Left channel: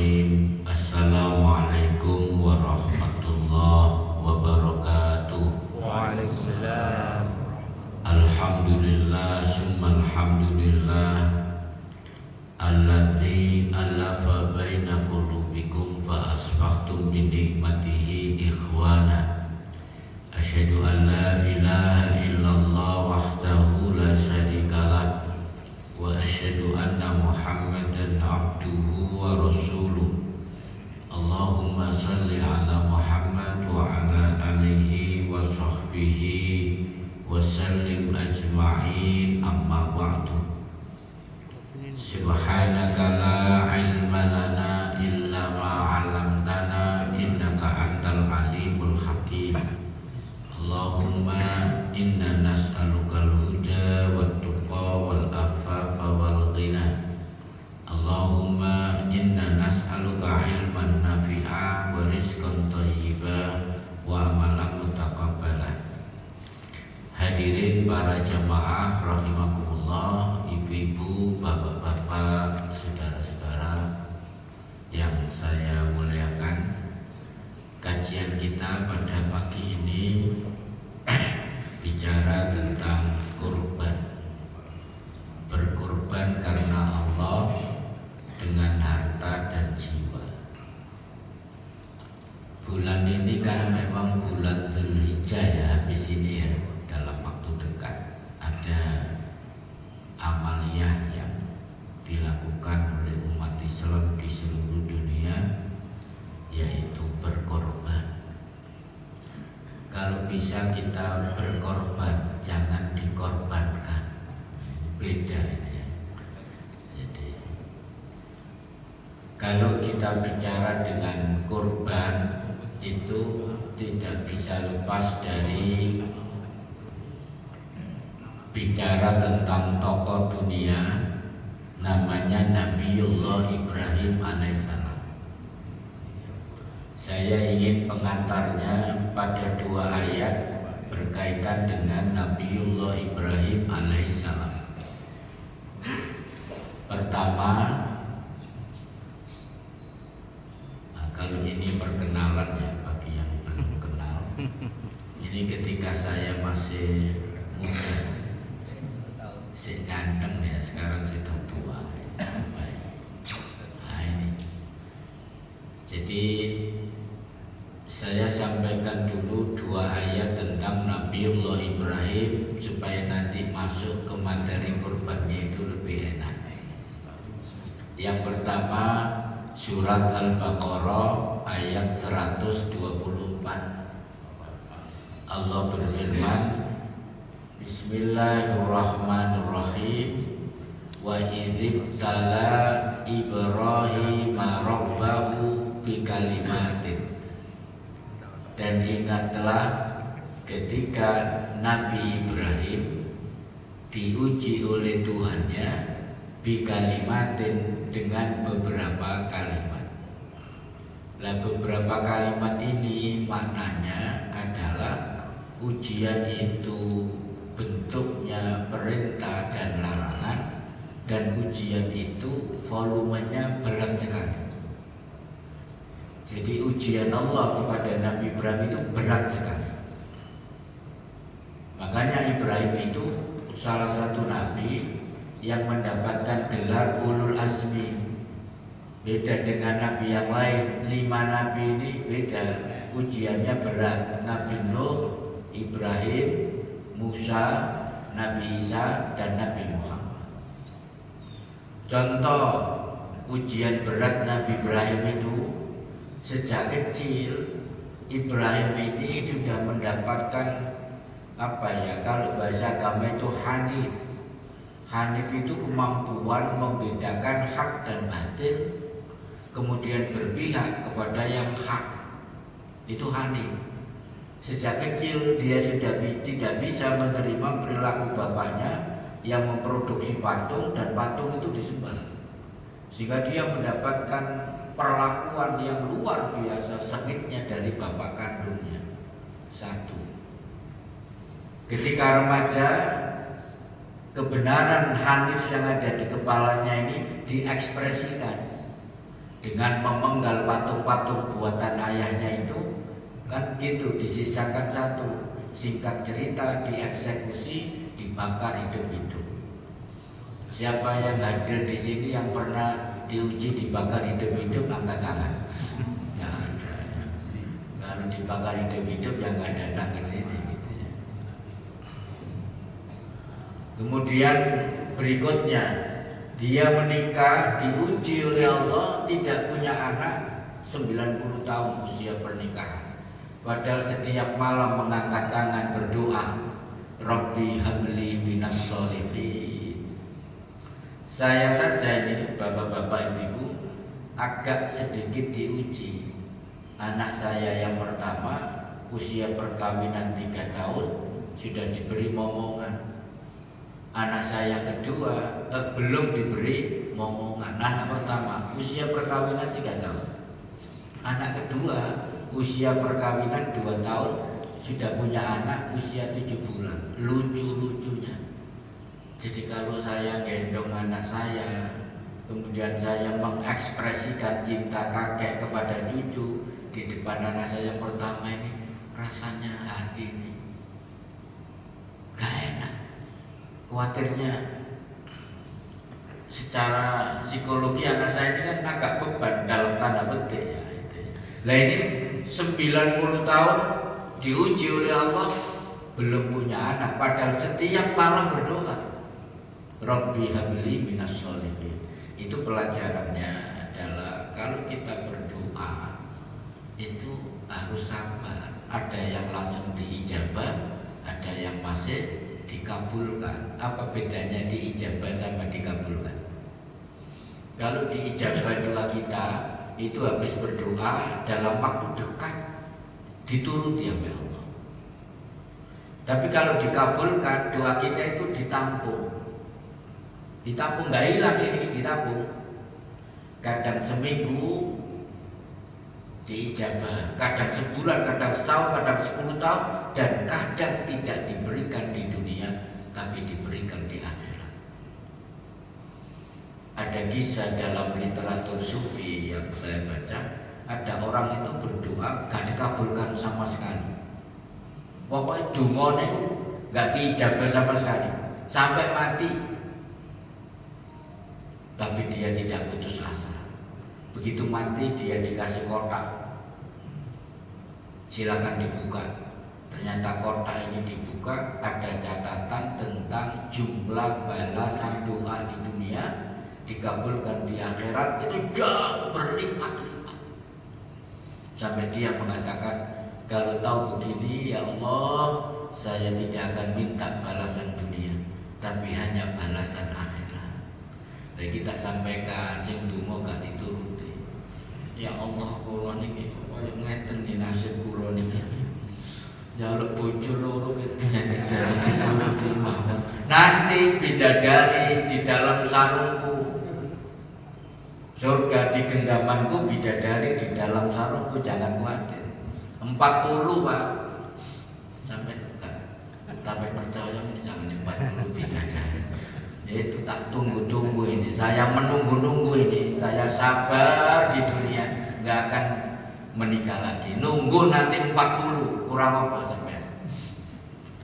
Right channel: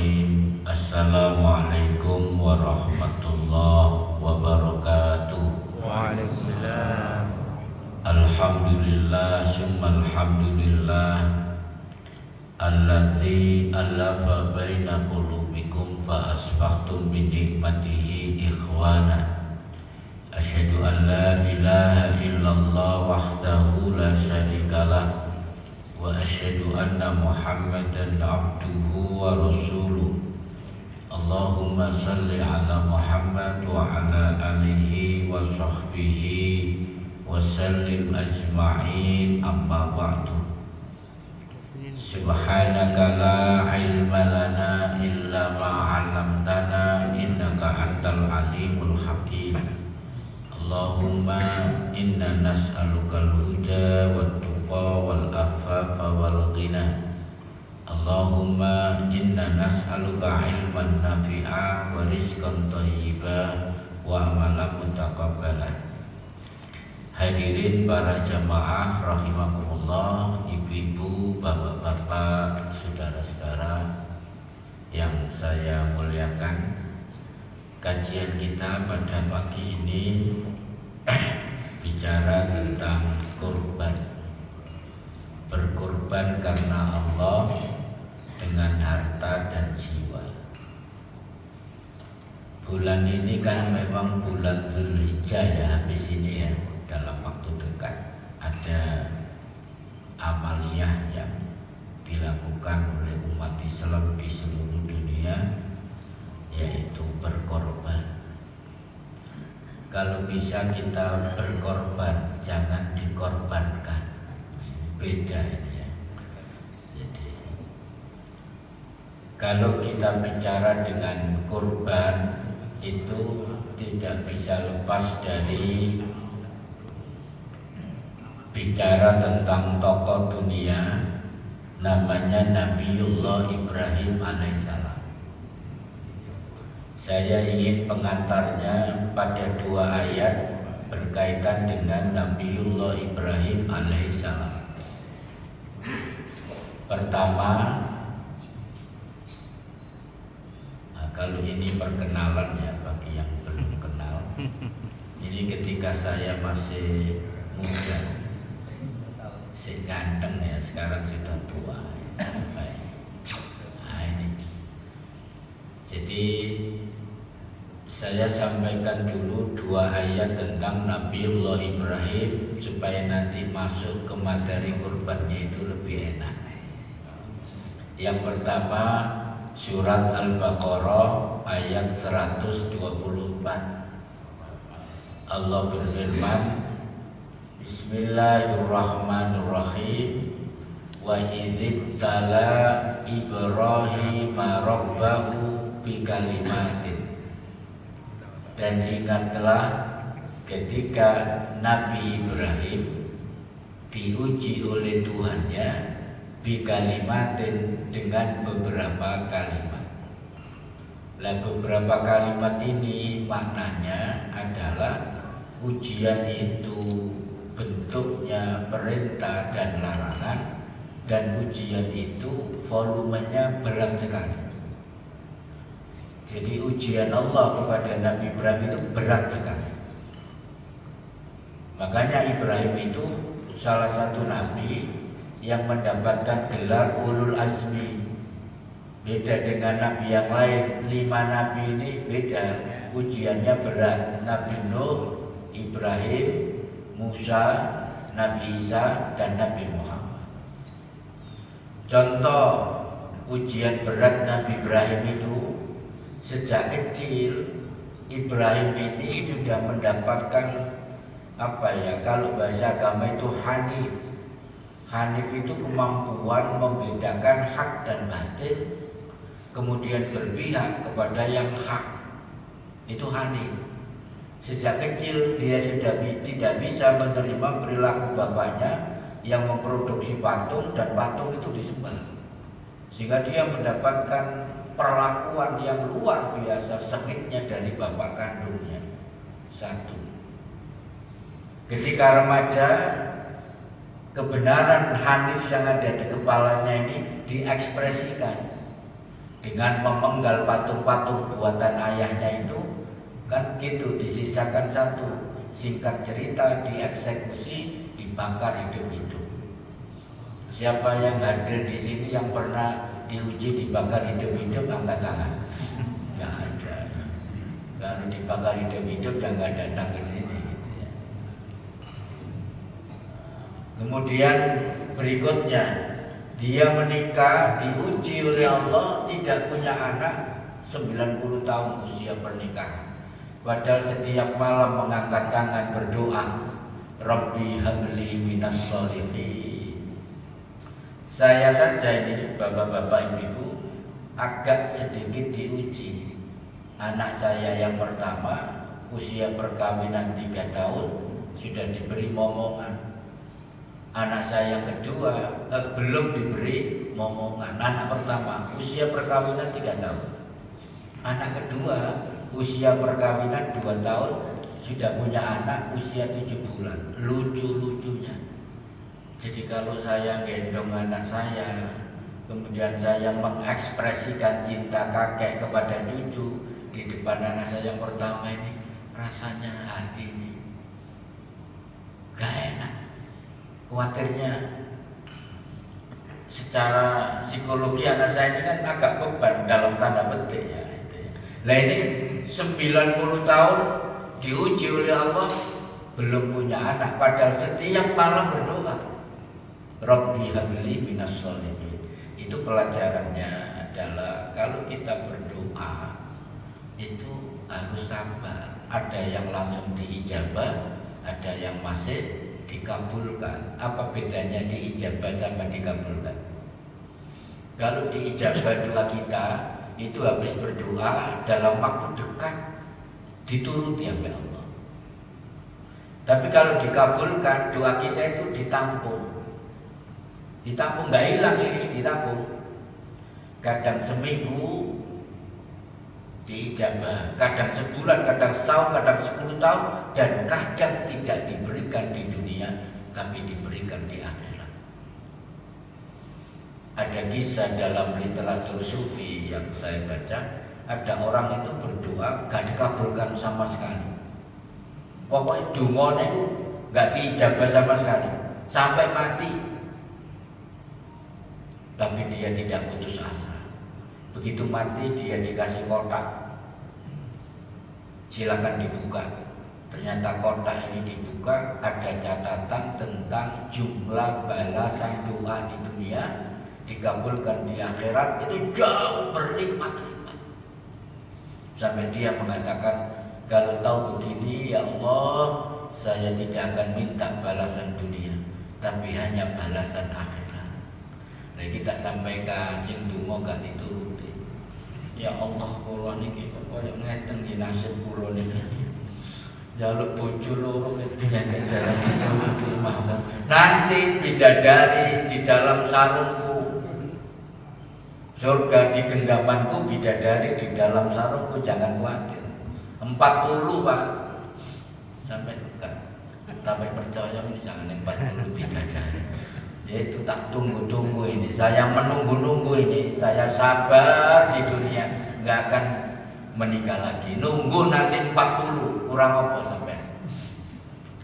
Bismillahirrahmanirrahim. Assalamualaikum warahmatullahi wabarakatuh. Waalaikumsalam. Alhamdulillah summa alhamdulillah alladzi alafa baina qulubikum fa asbahtum bi ni'matihi ikhwana. Asyhadu an la ilaha illallah wahdahu la syarikalah wa asyhadu anna Muhammadan abduhu wa rasuluh. Allahumma salli ala Muhammad wa ala alihi wa sahbihi wa sallim ajma'in, amma ba'du. Subhanaka la ilma lana illa ma 'allamtana innaka antal alimul hakim. Allahumma inna nas'alukal huda wat tuqa wal afafa wal ghina. Allahumma inna nas'aluka ilman nafi'a wa rizqan thayyiba wa amalan mutaqabbala. Hadirin para jamaah rahimakumullah, ibu-ibu, bapak-bapak, saudara-saudara yang saya muliakan. Kajian kita pada pagi ini bicara tentang kurban. Berkorban karena Allah dengan harta dan jiwa. Bulan ini kan memang bulan Dzulhijjah ya, habis ini ya, dalam waktu dekat ada amaliyah yang dilakukan oleh umat Islam di seluruh dunia, yaitu berkorban. Kalau bisa kita berkorban, jangan dikorbankan. Beda ini ya. Jadi kalau kita bicara dengan kurban, itu tidak bisa lepas dari bicara tentang tokoh dunia, namanya Nabiullah Ibrahim alaihissalam. Saya ingin pengantarnya pada dua ayat berkaitan dengan Nabiullah Ibrahim alaihissalam. Pertama, kalau ini perkenalan ya bagi yang belum kenal. Ini ketika saya masih muda, si ganteng ya, sekarang sudah tua. Nah, ini. Jadi saya sampaikan dulu dua ayat tentang Nabiullah Ibrahim supaya nanti masuk ke materi kurbannya itu lebih enak. Yang pertama, surat Al-Baqarah ayat 124. Allah berfirman, Bismillahirrahmanirrahim. Wa idzibtala Ibrahim rabbahu bikalimatin. Dan ingatlah ketika Nabi Ibrahim diuji oleh Tuhannya bikalimatin, dengan beberapa kalimat. Nah, beberapa kalimat ini maknanya adalah ujian itu bentuknya perintah dan larangan, dan ujian itu volumenya berat sekali. Jadi ujian Allah kepada Nabi Ibrahim itu berat sekali. Makanya Ibrahim itu salah satu nabi yang mendapatkan gelar ulul azmi. Beda dengan nabi yang lain. 5 nabi ini beda, ujiannya berat. Nabi Nuh, Ibrahim, Musa, Nabi Isa, dan Nabi Muhammad. Contoh ujian berat Nabi Ibrahim itu, sejak kecil Ibrahim ini sudah mendapatkan kalau bahasa agama itu hanif. Hanif itu kemampuan membedakan hak dan batil, kemudian berpihak kepada yang hak. Itu hanif. Sejak kecil dia sudah tidak bisa menerima perilaku bapaknya yang memproduksi patung, dan patung itu disembah. Sehingga dia mendapatkan perlakuan yang luar biasa sengitnya dari bapak kandungnya. Satu. Ketika remaja, kebenaran hanif yang ada di kepalanya ini diekspresikan. dengan memenggal patung-patung buatan ayahnya itu, kan gitu, disisakan satu. Singkat cerita, dieksekusi, dibakar hidup-hidup. Siapa yang hadir di sini yang pernah diuji dibakar hidup-hidup, angkat tangan. Nggak ada. Kalau dibakar hidup-hidup yang nggak datang ke sini. Kemudian berikutnya, dia menikah, diuji oleh Allah, tidak punya anak, 90 tahun usia pernikahan. Padahal setiap malam mengangkat tangan berdoa, Rabbi habli minas sholihin. Saya saja ini, bapak-bapak ibu, agak sedikit diuji. Anak saya yang pertama, usia perkawinan 3 tahun, sudah diberi momongan. Anak saya kedua belum diberi momongan. Anak pertama usia perkawinan 3 tahun. Anak kedua usia perkawinan 2 tahun, sudah punya anak usia 7 bulan. Lucu-lucunya. Jadi kalau saya gendong anak saya, kemudian saya mengekspresikan cinta kakek kepada cucu di depan anak saya pertama ini, rasanya hati ini gak enak. Khawatirnya secara psikologi anak saya ini kan agak beban dalam tanda petik ya. Nah ini 90 tahun diuji oleh Allah, belum punya anak, padahal setiap malam berdoa, Rabbi habli minas sholihin. Itu pelajarannya adalah kalau kita berdoa itu harus sabar. Ada yang langsung diijabah, ada yang masih dikabulkan. Apa bedanya diijabah sama dikabulkan? Kalau diijabah doa kita itu habis berdoa dalam waktu dekat dituruti oleh Allah. Tapi kalau dikabulkan, doa kita itu ditampung. Ditampung, nggak hilang ini, ditampung. Kadang seminggu diijabah, kadang sebulan, kadang setahun, kadang 10 tahun, dan kadang tidak diberikan di dunia, tapi diberikan di akhirat. Ada kisah dalam literatur sufi yang saya baca, ada orang itu berdoa gak dikabulkan sama sekali. Pokoknya dungonya gak diijabah sama sekali sampai mati, tapi dia tidak putus asa. Begitu mati dia dikasih kotak, silakan dibuka. Ternyata kotak ini dibuka, ada catatan tentang jumlah balasan doa di dunia, dikabulkan di akhirat ini jauh berlipat-lipat. Sampai dia mengatakan, kalau tahu begini ya Allah, saya tidak akan minta balasan dunia, tapi hanya balasan akhirat. Jadi kita sampaikan sing donga gak dituruti. Ya Allah, kula niki kaya ngeten iki nasib kula niki. Jaluk bojo loro nyandek dalam dituruti mawon. Nanti bidadari di dalam sarungku. Surga di genggamanku, bidadari di dalam sarungku, jangan khawatir. 40 Pak. Sampai enggak. Sampai percaya jangan 40 bidadari. Itu tak tunggu-tunggu ini, saya menunggu-nunggu ini, saya sabar di dunia, nggak akan menikah lagi, nunggu nanti 40, kurang apa sampai.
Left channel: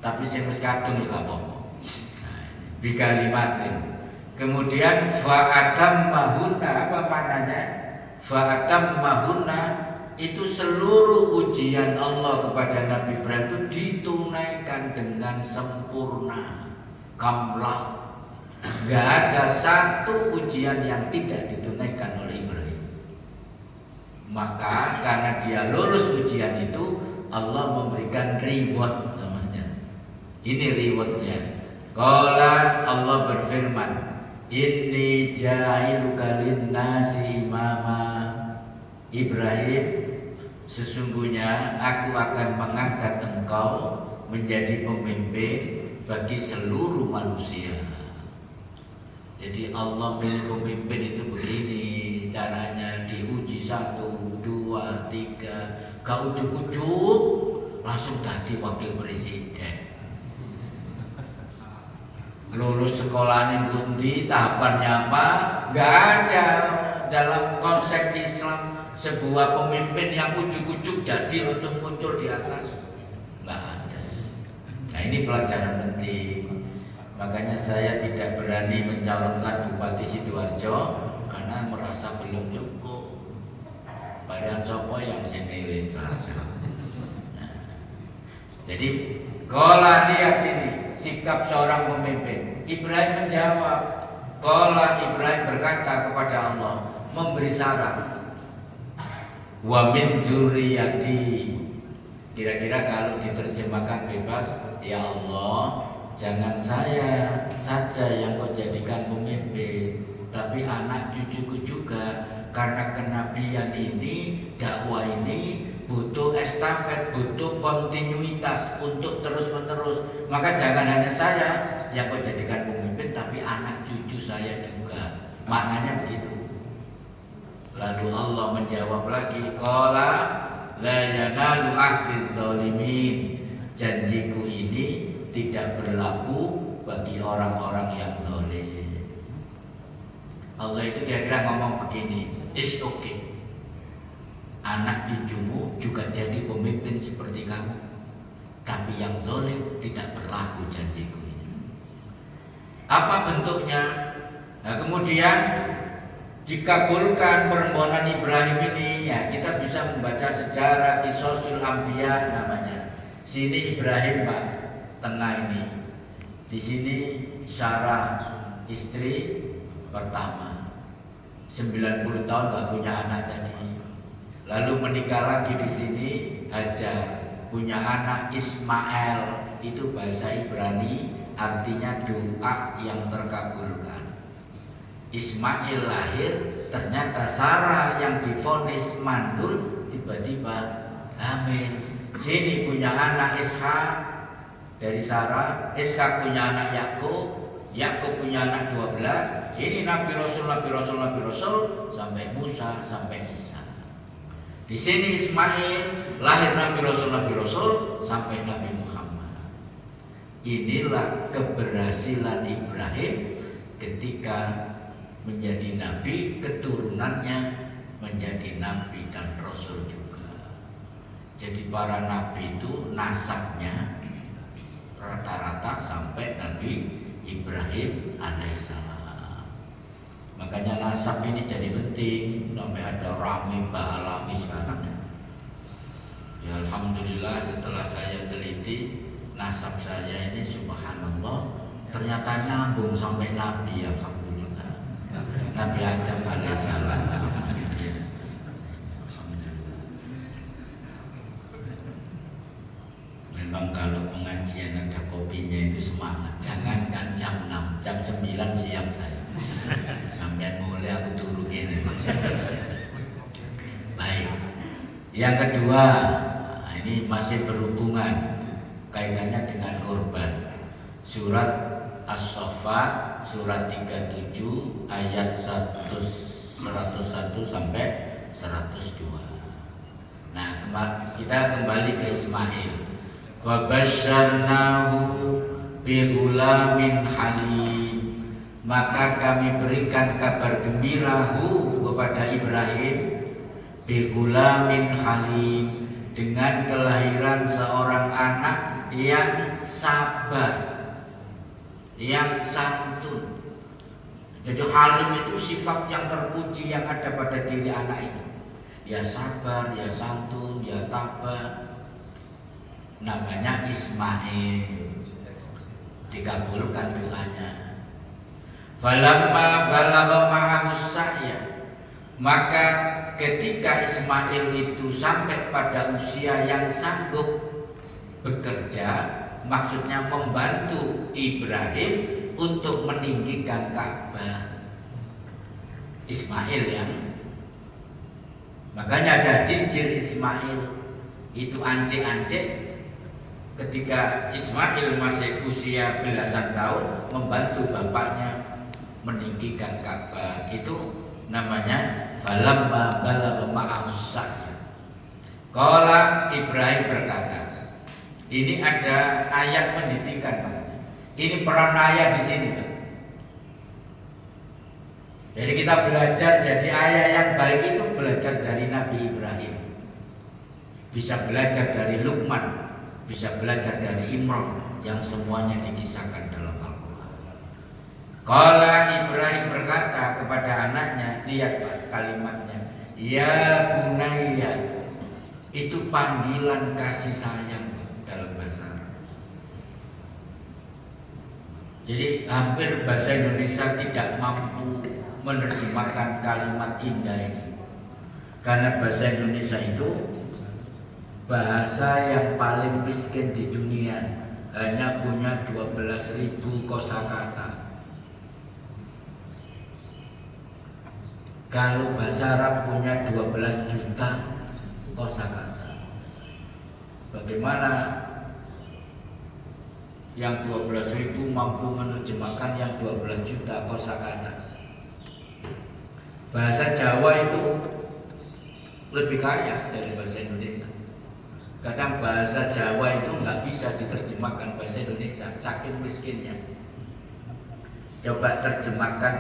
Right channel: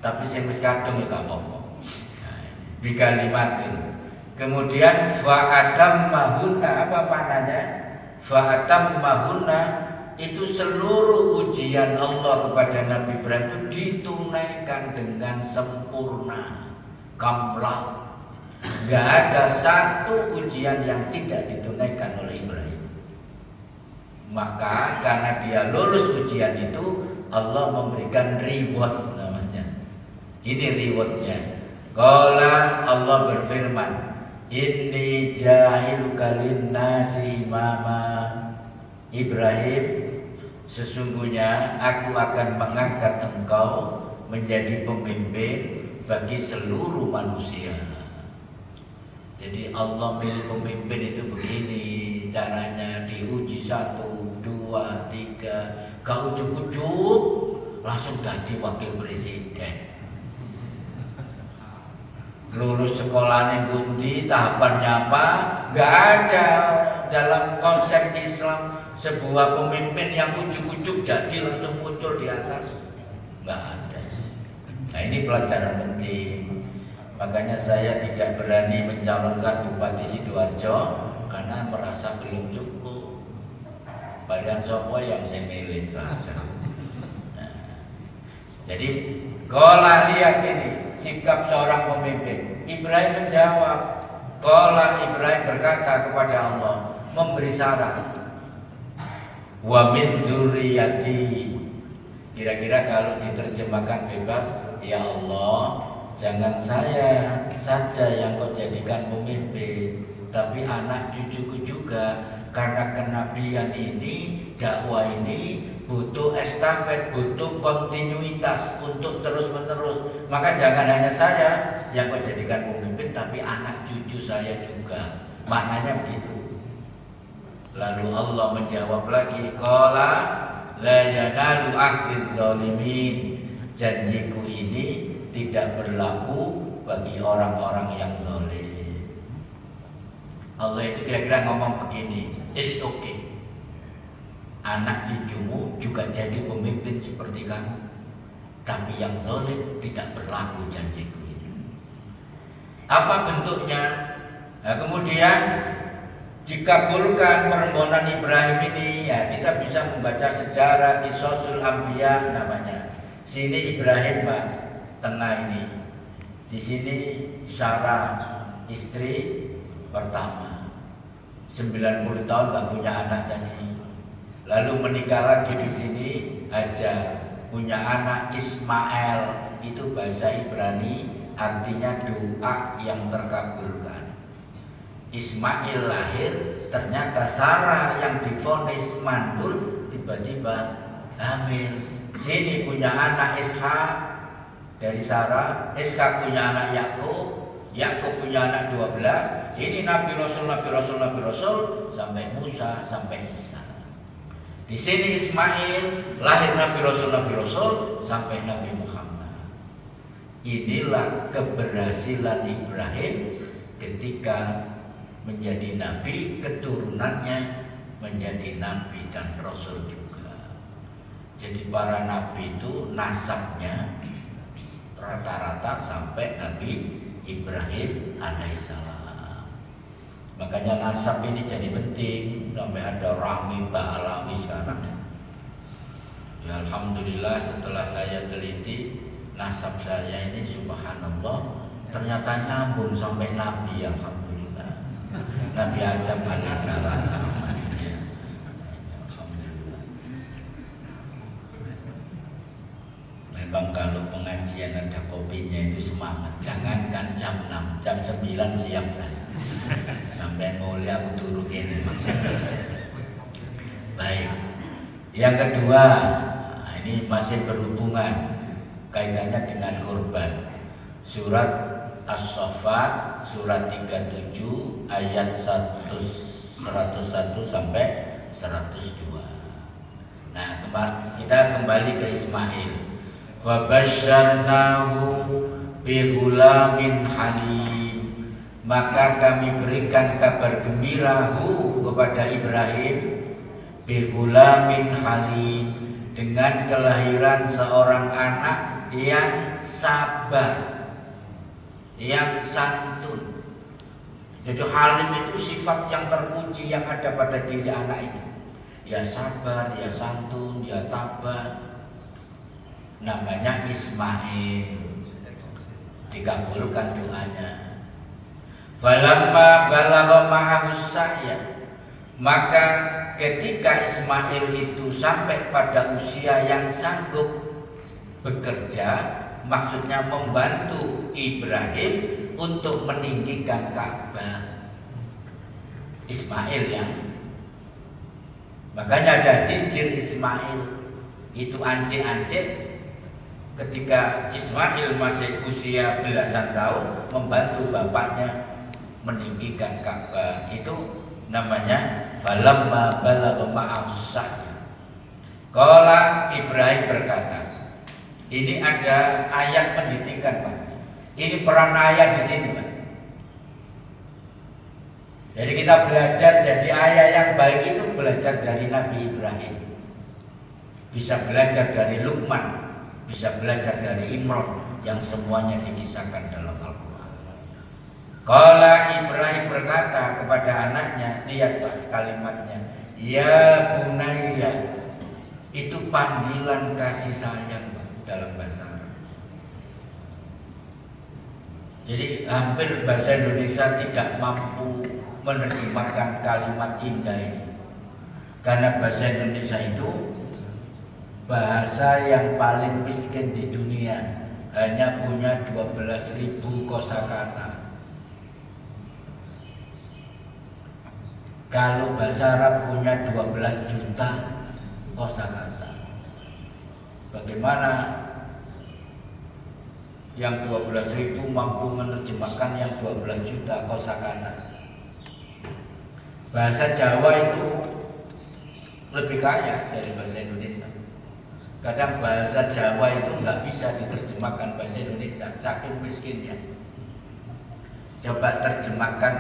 Tapi saya mesti kadung ya apa-apa. Di kalimatin. Kemudian fa'atam mahuna, apa maknanya? Fa'atam mahuna itu seluruh ujian Allah kepada Nabi Ibrahim itu ditunaikan dengan sempurna, kamlah. Gak ada satu ujian yang tidak ditunaikan oleh Ibrahim. Maka karena dia lulus ujian itu, Allah memberikan reward namanya. Ini rewardnya. Qala, Allah berfirman, inni ja'iluka linnasi imama. Ibrahim, sesungguhnya aku akan mengangkat engkau menjadi pemimpin bagi seluruh manusia. Jadi Allah milih pemimpin itu begini caranya, diuji 1, 2, 3, gak ujuk-ujuk langsung jadi wakil presiden. Lulus sekolahnya bundi, tahapannya apa? Gak ada. dalam konsep Islam sebuah pemimpin yang ujuk-ujuk jadi langsung muncul di atas? Nggak ada. Nah ini pelajaran penting. Makanya saya tidak berani mencalonkan Bupati Sidoarjo karena merasa belum cukup. Badan sopo yang senelis saja. Nah, jadi kalau lihat ini sikap seorang pemimpin, Ibrahim menjawab. Qala Ibrahim berkata kepada Allah, memberi syarat. Wa min dzurriyyati. Kira-kira kalau diterjemahkan bebas, ya Allah, jangan saya saja yang kau jadikan pemimpin, tapi anak cucuku juga. Karena kenabian ini, dakwah ini butuh estafet, butuh kontinuitas untuk terus-menerus. Maka jangan hanya saya yang kau jadikan pemimpin, tapi anak cucu saya juga. Maknanya begitu. Lalu Allah menjawab lagi, qala la yanalu ahdiz zalimin. Janjiku ini tidak berlaku bagi orang-orang yang zalim. Allah itu kira-kira ngomong begini, it's okay. Anak cucumu juga jadi pemimpin seperti kamu, tapi yang zalim tidak berlaku janjiku ini. Apa bentuknya? Nah, kemudian dikabulkan permohonan Ibrahim ini, ya kita bisa membaca sejarah Qisasul Anbiya namanya. Sini Ibrahim Pak, tengah ini. Di sini Sarah istri pertama, 90 tahun gak punya anak tadi. Lalu menikah lagi di sini Hajar, punya anak Ismail. Itu bahasa Ibrani artinya doa yang terkabulkan. Ismail lahir, ternyata Sarah yang divonis mandul tiba-tiba hamil. Sini punya anak Ishak dari Sarah, Ishak punya anak Yakub, Yakub punya anak 12. Ini Nabi Rasul sampai Musa sampai Isa. Di sini Ismail lahir Nabi Rasul sampai Nabi Muhammad. Inilah keberhasilan Ibrahim ketika menjadi nabi, keturunannya menjadi nabi dan rasul juga. Jadi para nabi itu nasabnya rata-rata sampai Nabi Ibrahim alaihissalam. Makanya nasab ini jadi penting, sampai ada Rami Ba'alami sekarang. Ya Alhamdulillah setelah saya teliti nasab saya ini subhanallah ternyata nyambung sampai Nabi. Alhamdulillah Nabi Adam alaihissalam. Alhamdulillah. Memang kalau pengajian ada kopinya itu semangat. Jangankan jam 6, jam 9 siang saya. Sampai mulai aku turu gini. Baik. Yang kedua, ini masih berhubungan kaitannya dengan korban. Surat As-Saffat surat 37 ayat 101 sampai 102. Nah, kita kembali ke Ismail. Wa basyarnahu bi ghulamin halim. Maka kami berikan kabar gembirahu kepada Ibrahim bi ghulamin halim, dengan kelahiran seorang anak yang sabar, yang santun. Jadi halim itu sifat yang terpuji yang ada pada diri anak itu. Ya sabar, ya santun, ya tabah. Namanya Ismail. Dikabulkan doanya. Falamma balagha ma'ahus sa'ya. Maka ketika Ismail itu sampai pada usia yang sanggup bekerja, maksudnya membantu Ibrahim untuk meninggikan Ka'bah. Ismail yang makanya ada Hijr Ismail, itu ance-ance ketika Ismail masih usia belasan tahun membantu bapaknya meninggikan Ka'bah. Itu namanya falamma balagha ma'as sa'ya. Qala Ibrahim berkata, ini ada ayat pendidikan Pak. Ini peran ayat di sini Pak. Jadi kita belajar jadi ayah yang baik itu belajar dari Nabi Ibrahim. Bisa belajar dari Luqman, bisa belajar dari Imran yang semuanya dikisahkan dalam Al-Quran. Qala Ibrahim berkata kepada anaknya, lihat Pak kalimatnya, ya bunayya, itu panggilan kasih sayang dalam bahasa Arab. Jadi hampir bahasa Indonesia tidak mampu menerjemahkan kalimat indah ini, karena bahasa Indonesia itu bahasa yang paling miskin di dunia, hanya punya 12.000 kosakata. Kalau bahasa Arab punya 12 juta kosakata. Bagaimana yang 12.000 mampu menerjemahkan yang 12 juta kosakata? Bahasa Jawa itu lebih kaya dari bahasa Indonesia. Kadang bahasa Jawa itu nggak bisa diterjemahkan bahasa Indonesia, saking miskinnya. Coba terjemahkan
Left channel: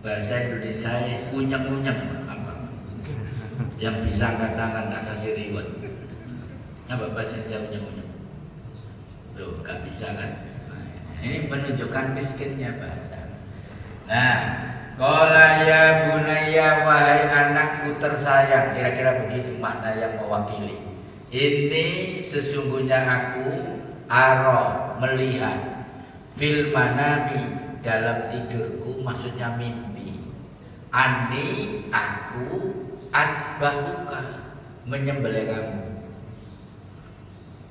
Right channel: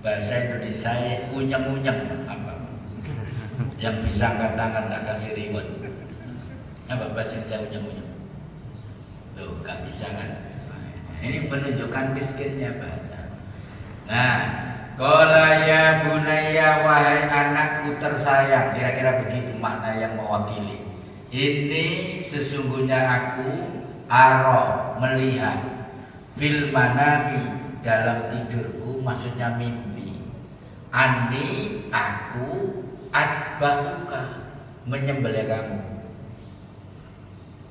bahasa Indonesia unyeng-unyeng apa? Yang bisa angkat tangan, tak kasih reward. Apa bahasa Indonesia unyeng-unyeng? Tuh, nggak bisa kan? Ini menunjukkan miskinnya bahasa. Nah, qala ya bunayya, wahai anakku tersayang, kira-kira begitu makna yang mewakili. Ini sesungguhnya aku ara, melihat, fil manami, dalam tidurku, maksudnya mimpi, ani, aku, atbahuka, menyembelih kamu.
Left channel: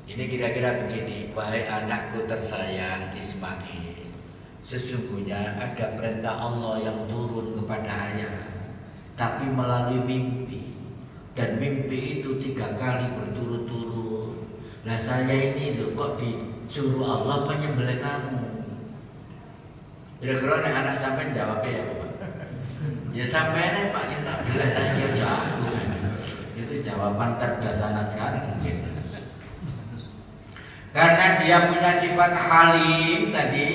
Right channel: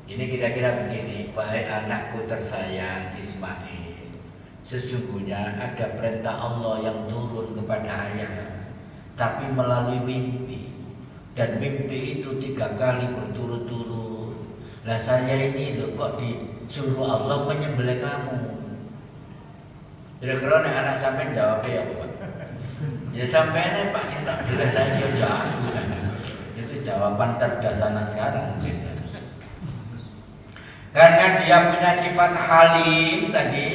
Ini kira-kira begini, wahai anakku tersayang Ismail, sesungguhnya ada perintah Allah yang turun kepada ayah, tapi melalui mimpi. Dan mimpi itu 3 kali berturut-turut. Lah saya ini loh kok disuruh Allah menyembelih kamu. Kira-kira anak sampean jawabnya ya Pak? Ya sampean Pak sing tak bilang saya jawab. Itu jawaban terdasar sekarang. Karena dia punya sifat halim tadi,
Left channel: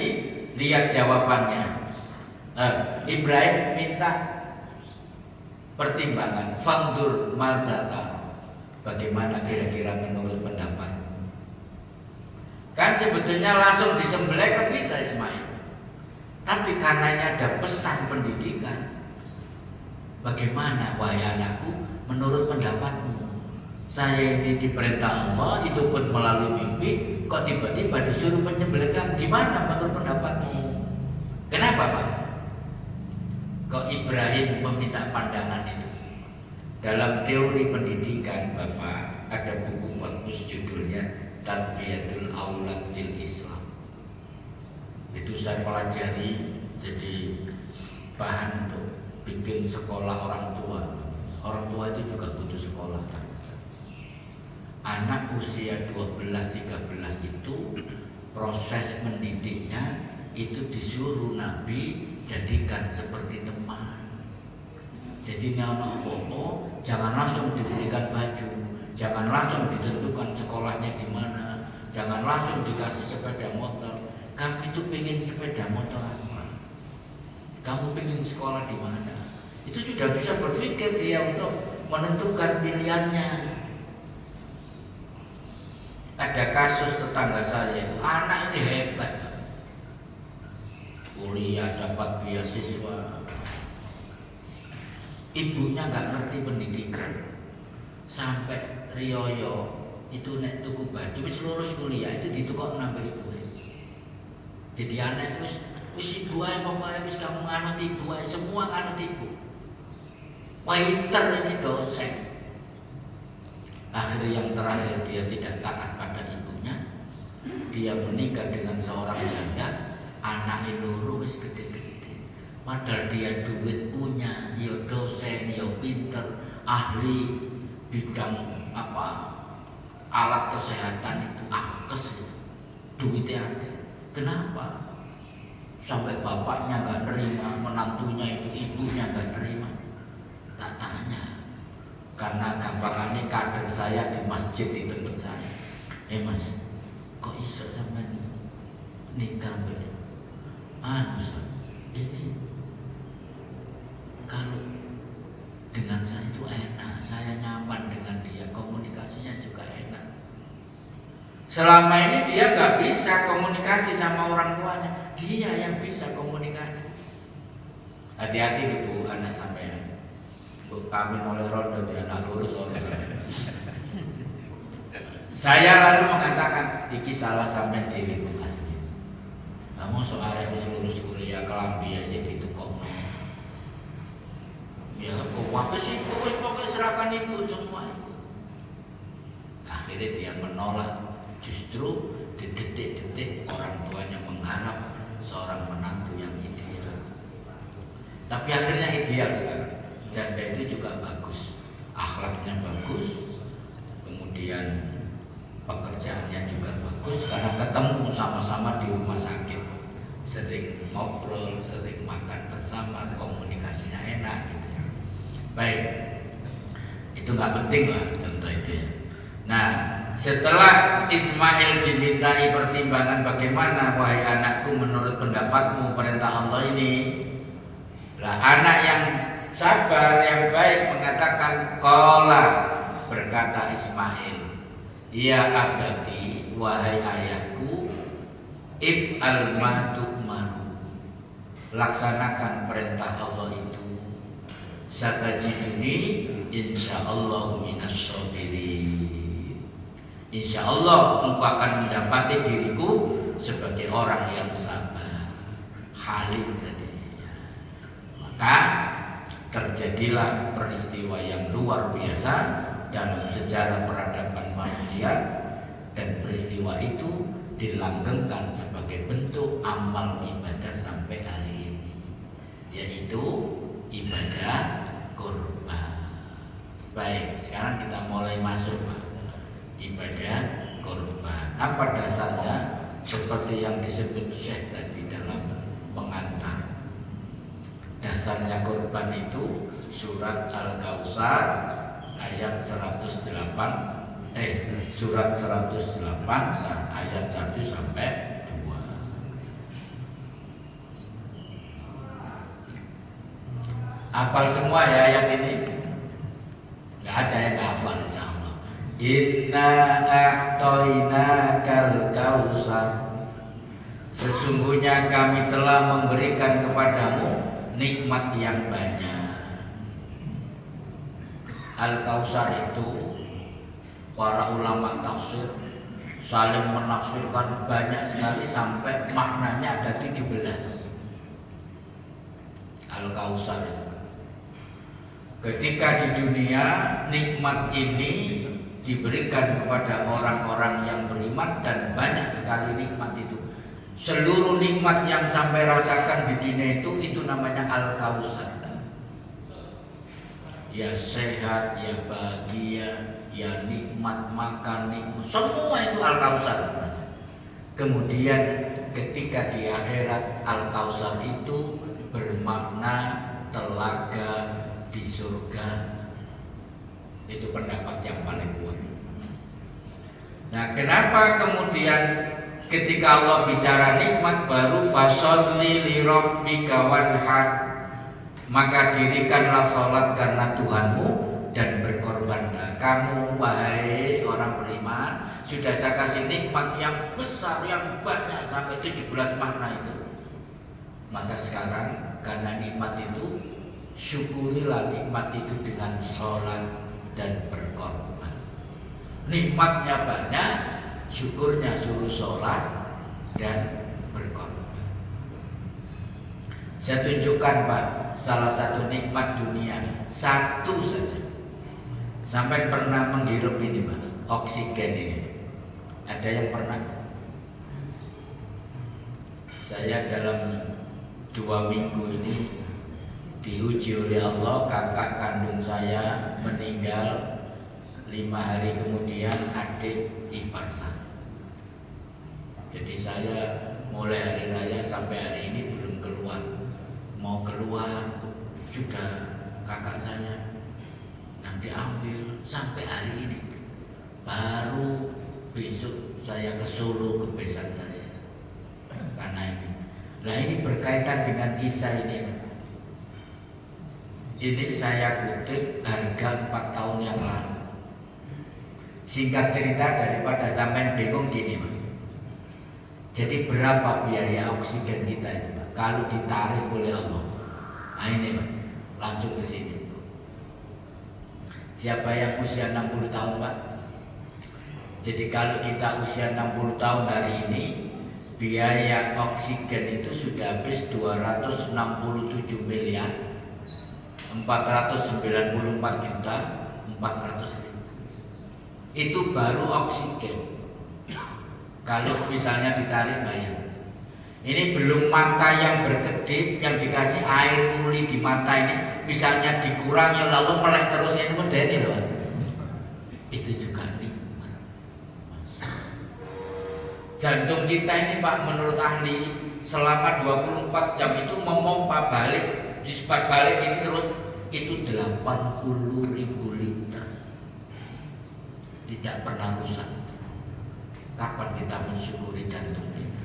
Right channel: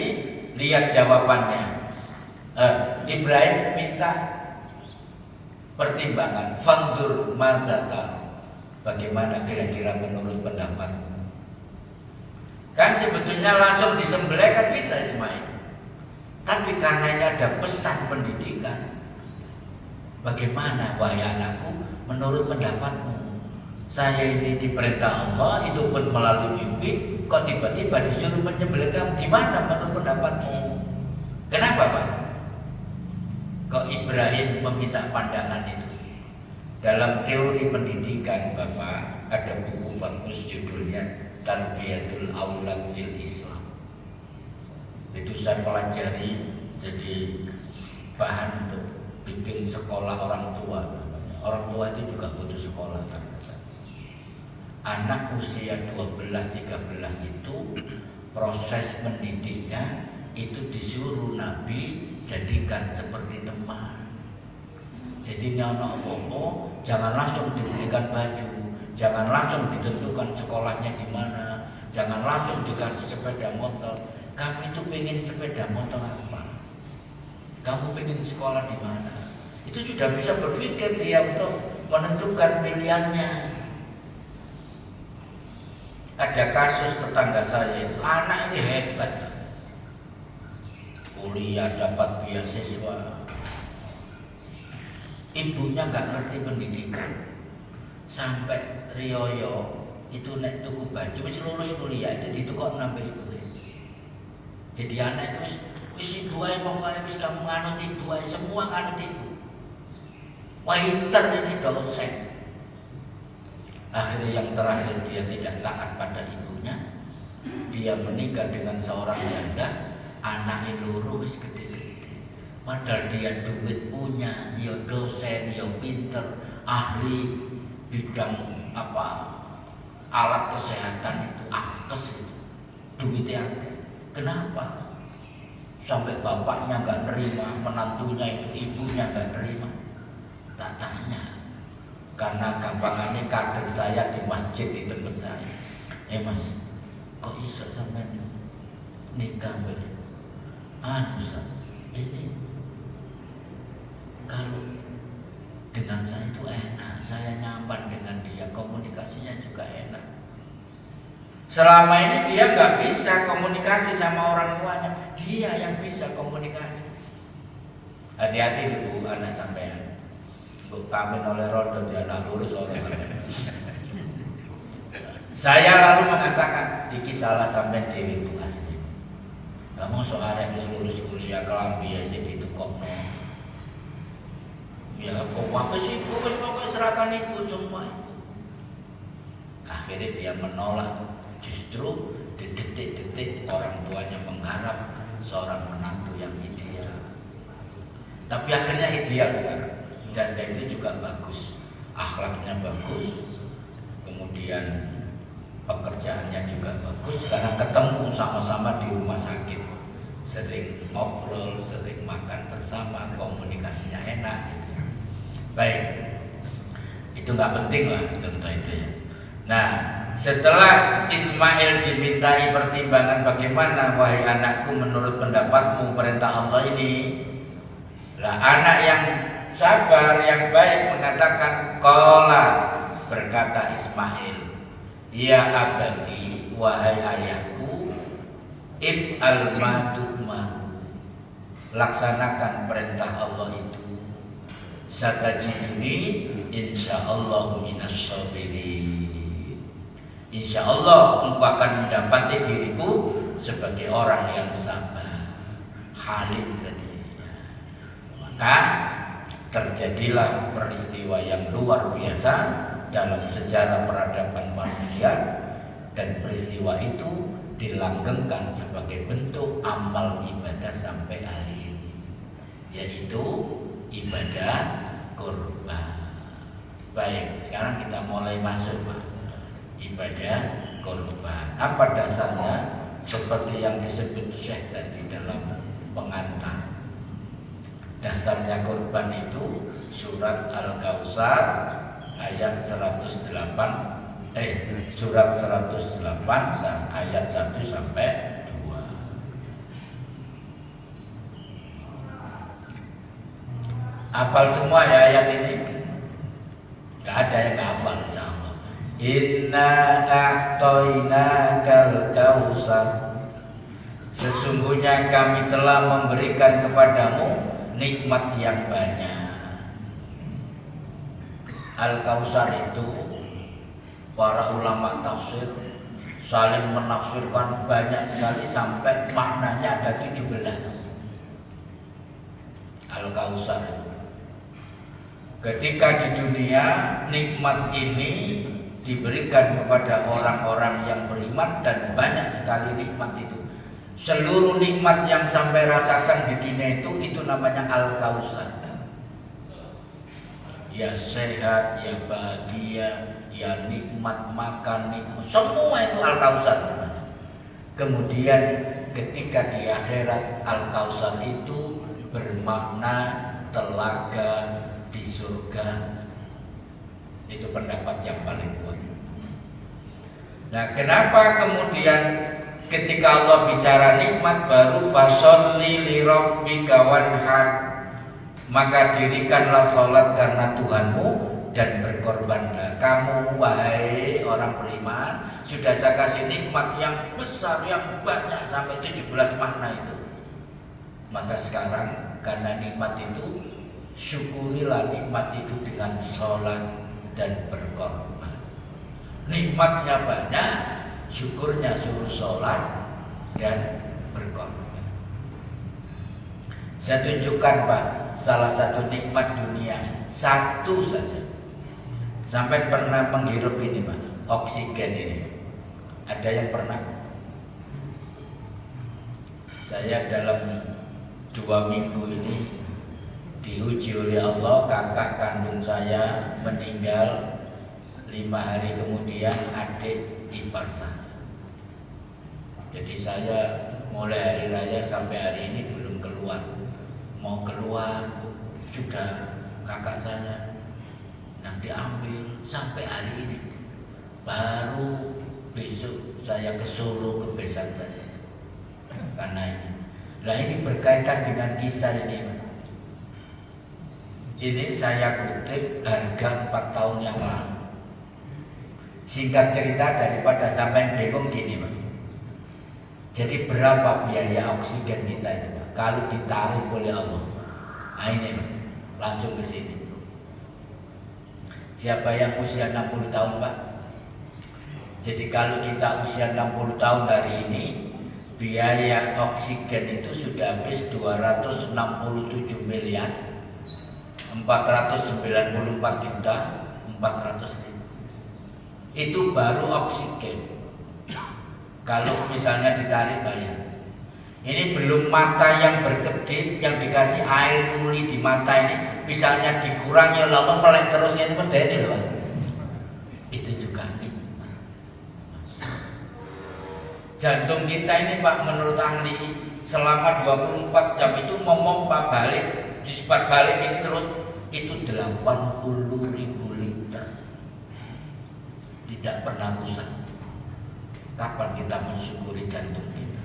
lihat jawabannya. Ibrahim minta pertimbangan, fandur madzatam, bagaimana kira-kira menurut pendapatmu? Kan sebetulnya langsung disembelih kan bisa Ismail, tapi karena ini ada pesan pendidikan, bagaimana wahai anakku menurut pendapatmu? Saya ini diperintah Allah, itu pun melalui mimpi, kok tiba-tiba disuruh menyembelih kamu? Gimana menurut pendapatmu? Kenapa Pak? Kok Ibrahim meminta pandangan itu? Dalam teori pendidikan Bapak ada buku bagus judulnya Tarbiyatul Aulad fil Islam. Itu saya pelajari jadi bahan untuk bikin sekolah orang tua. Orang tua itu juga butuh sekolah. Anak usia 12-13 itu proses mendidiknya itu disuruh Nabi jadikan seperti teman. Jadi anak apa jangan langsung diberikan baju, jangan langsung ditentukan sekolahnya di mana, jangan langsung dikasih sepeda motor. Kamu itu pengen sepeda motor apa? Kamu pengen sekolah di mana? Itu sudah bisa berpikir dia untuk menentukan pilihannya. Ada kasus tetangga saya itu, anak ini hebat, kuliah dapat beasiswa, ibunya nggak ngerti pendidikan, sampai riyoyo itu nek tuku baju wis lulus kuliah itu ditukok nambah ibu. Jadi anak itu wis ibu ae pokoknya wis kamu nganut ibu ae, semua nganut ibu. Waiter ini dosen. Akhirnya yang terakhir dia tidak taat pada ibunya, dia menikah dengan seorang janda, anak loro wis gede-gede. Padahal dia duit punya, ya dosen, ya pinter, ahli bidang apa alat kesehatan itu, akes itu, duitnya ada. Kenapa? Sampai bapaknya nggak nerima, menantunya itu ibunya nggak nerima. Tak tanya. Karena gampangannya kader saya di masjid di tempat saya. Mas, kok iso sampean nikah ini saya itu enak, saya nyaman dengan dia, komunikasinya juga enak. Selama ini dia nggak bisa komunikasi sama orang tuanya, dia yang bisa komunikasi. Hati-hati ibu anak sampean, bu kami oleh rondo dia anak lurus oleh. Saya lalu mengatakan, iki salah sampean dewi bu asli. Kamu soal yang lulus kuliah kelambi aja ditukokno. Ya kok apa sih, pokoknya serahkan ibu semua itu. Akhirnya dia menolak. Justru di detik-detik orang tuanya mengharap seorang menantu yang ideal. Tapi akhirnya ideal sekarang. Dan itu juga bagus, akhlaknya bagus, kemudian pekerjaannya juga bagus karena ketemu sama-sama di rumah sakit, sering ngobrol, sering makan bersama, komunikasinya enak gitu ya. Baik, itu nggak penting lah tentu itu ya. Nah, setelah Ismail dimintai pertimbangan bagaimana wahai anakku menurut pendapatmu perintah Allah ini, lah anak yang sabar yang baik mengatakan qala, berkata Ismail, ya abadi, wahai ayahku, if'al ma tu'mar, laksanakan perintah Allah itu, satajiduni insyaallah minas sabirin. Insyaallah engkau akan mendapati diriku sebagai orang yang sabar, halim tadi. Maka terjadilah peristiwa yang luar biasa dalam sejarah peradaban manusia, dan peristiwa itu dilanggengkan sebagai bentuk amal ibadah sampai hari ini, yaitu ibadah kurban. Baik, sekarang kita mulai masuk Pak, ibadah kurban. Apa dasarnya? Seperti yang disebut Syekh tadi dalam pengantar. Dasarnya kurban itu surat Al-Kautsar ayat 108, surat 108 ayat 1 sampai 2. Hafal semua ya ayat ini? Gak ada yang gak hafal insyaallah. Inna a'tainakal kautsar, sesungguhnya kami telah memberikan kepadamu nikmat yang banyak. Al-Kautsar itu para ulama tafsir saling menafsirkan banyak sekali sampai maknanya ada 17. Al-Kautsar itu. Ketika di dunia nikmat ini diberikan kepada orang-orang yang beriman, dan banyak sekali nikmat itu. Seluruh nikmat yang sampai rasakan di dunia itu namanya Al-Kautsar. Ya sehat, ya bahagia, ya nikmat makan, nikmat, semua itu Al-Kautsar. Kemudian ketika di akhirat Al-Kautsar itu bermakna telaga di surga. Itu pendapat yang paling kuat. Nah, kenapa kemudian ketika Allah bicara nikmat baru fasholli li rabbika wanhar, maka dirikanlah salat karena Tuhanmu dan berkorbanlah. Kamu wahai orang beriman, sudah saya kasih nikmat yang besar, yang banyak sampai 17 makna itu. Maka sekarang karena nikmat itu, syukurilah nikmat itu dengan salat dan berkorban. Nikmatnya banyak, syukurnya suruh sholat dan berkorban. Saya tunjukkan Pak, salah satu nikmat dunia, satu saja. Sampai pernah menghirup ini Pak, oksigen ini. Ada yang pernah? Saya dalam 2 minggu ini diuji oleh Allah, kakak kandung saya meninggal, 5 hari kemudian adik ipar saya. Jadi saya mulai hari raya sampai hari ini belum keluar. Mau keluar sudah kakak saya nanti ambil sampai hari ini. Baru besok saya ke Solo ke besan saya. Karena ini. Lah ini berkaitan dengan kisah ini. Ini saya kutip harga 4 tahun yang lalu. Singkat cerita daripada sampai bingung gini, Pak. Jadi berapa biaya oksigen kita itu, Pak? Kalau ditarik oleh Allah? Nah ini, Pak. Langsung ke sini. Siapa yang usia 60 tahun, Pak? Jadi kalau kita usia 60 tahun hari ini, biaya oksigen itu sudah habis 267 miliar 494 juta 400.000. Itu baru oksigen. Kalau misalnya ditarik bayar. Ini belum mata yang berkedip, yang dikasih air muli di mata ini, misalnya dikurangi lalu melek terus yang medeni loh. Itu juga nih. Jantung kita ini Pak, menurut ahli selama 24 jam itu memompa balik, disebar balik ini terus, itu 80.000 liter. Tidak pernah rusak. Kapan kita mensyukuri jantung kita?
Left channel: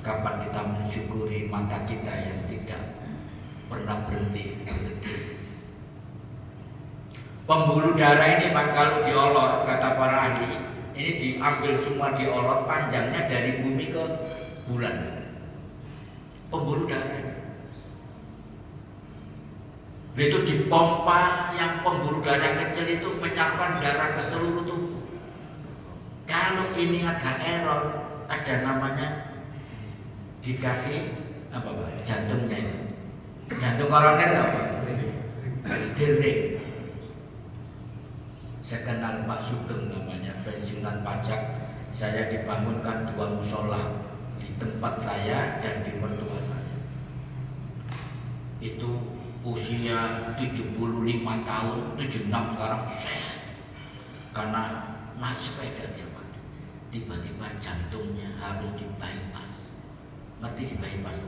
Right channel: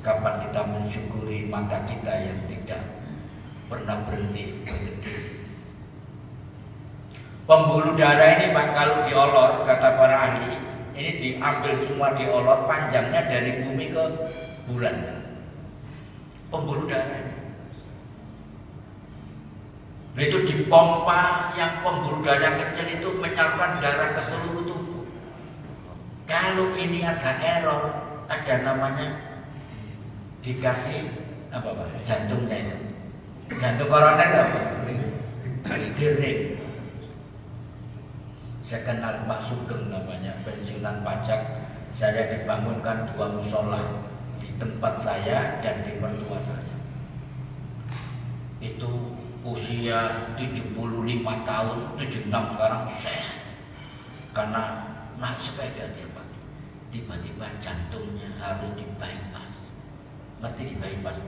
Kapan kita mensyukuri mata kita yang tidak pernah berhenti? Pembuluh darah ini Pak, kalau diolor, kata para ahli, ini diambil semua diolor, panjangnya dari bumi ke bulan. Pembuluh darah itu dipompa, yang pembuluh darah kecil itu menyapkan darah ke seluruh tubuh. Kalau ini ada error, ada namanya dikasih apa Pak? Jantungnya itu. Jantung koroner apa? Direk. Saya kenal Pak Sugeng namanya, pensiunan pajak. Saya dibangunkan 2 musola di tempat saya dan di mertua saya. Itu usia 75 tahun, 76 sekarang sehat. Karena naik sepeda tiba-tiba jantungnya harus di bypass. Ngerti di bypass?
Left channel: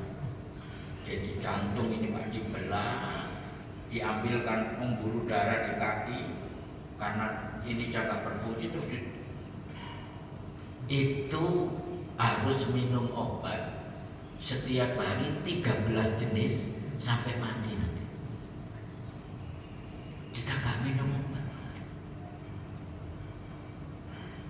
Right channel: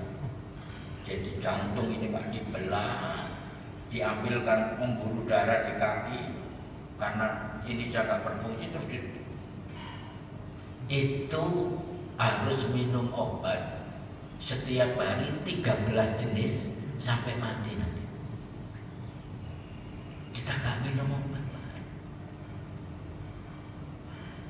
Jadi jantung ini Pak dibelah, diambilkan pembuluh darah di kaki karena ini jaga berfungsi terus itu harus minum obat setiap hari 13 jenis sampai mati nanti. Kita nggak minum obat.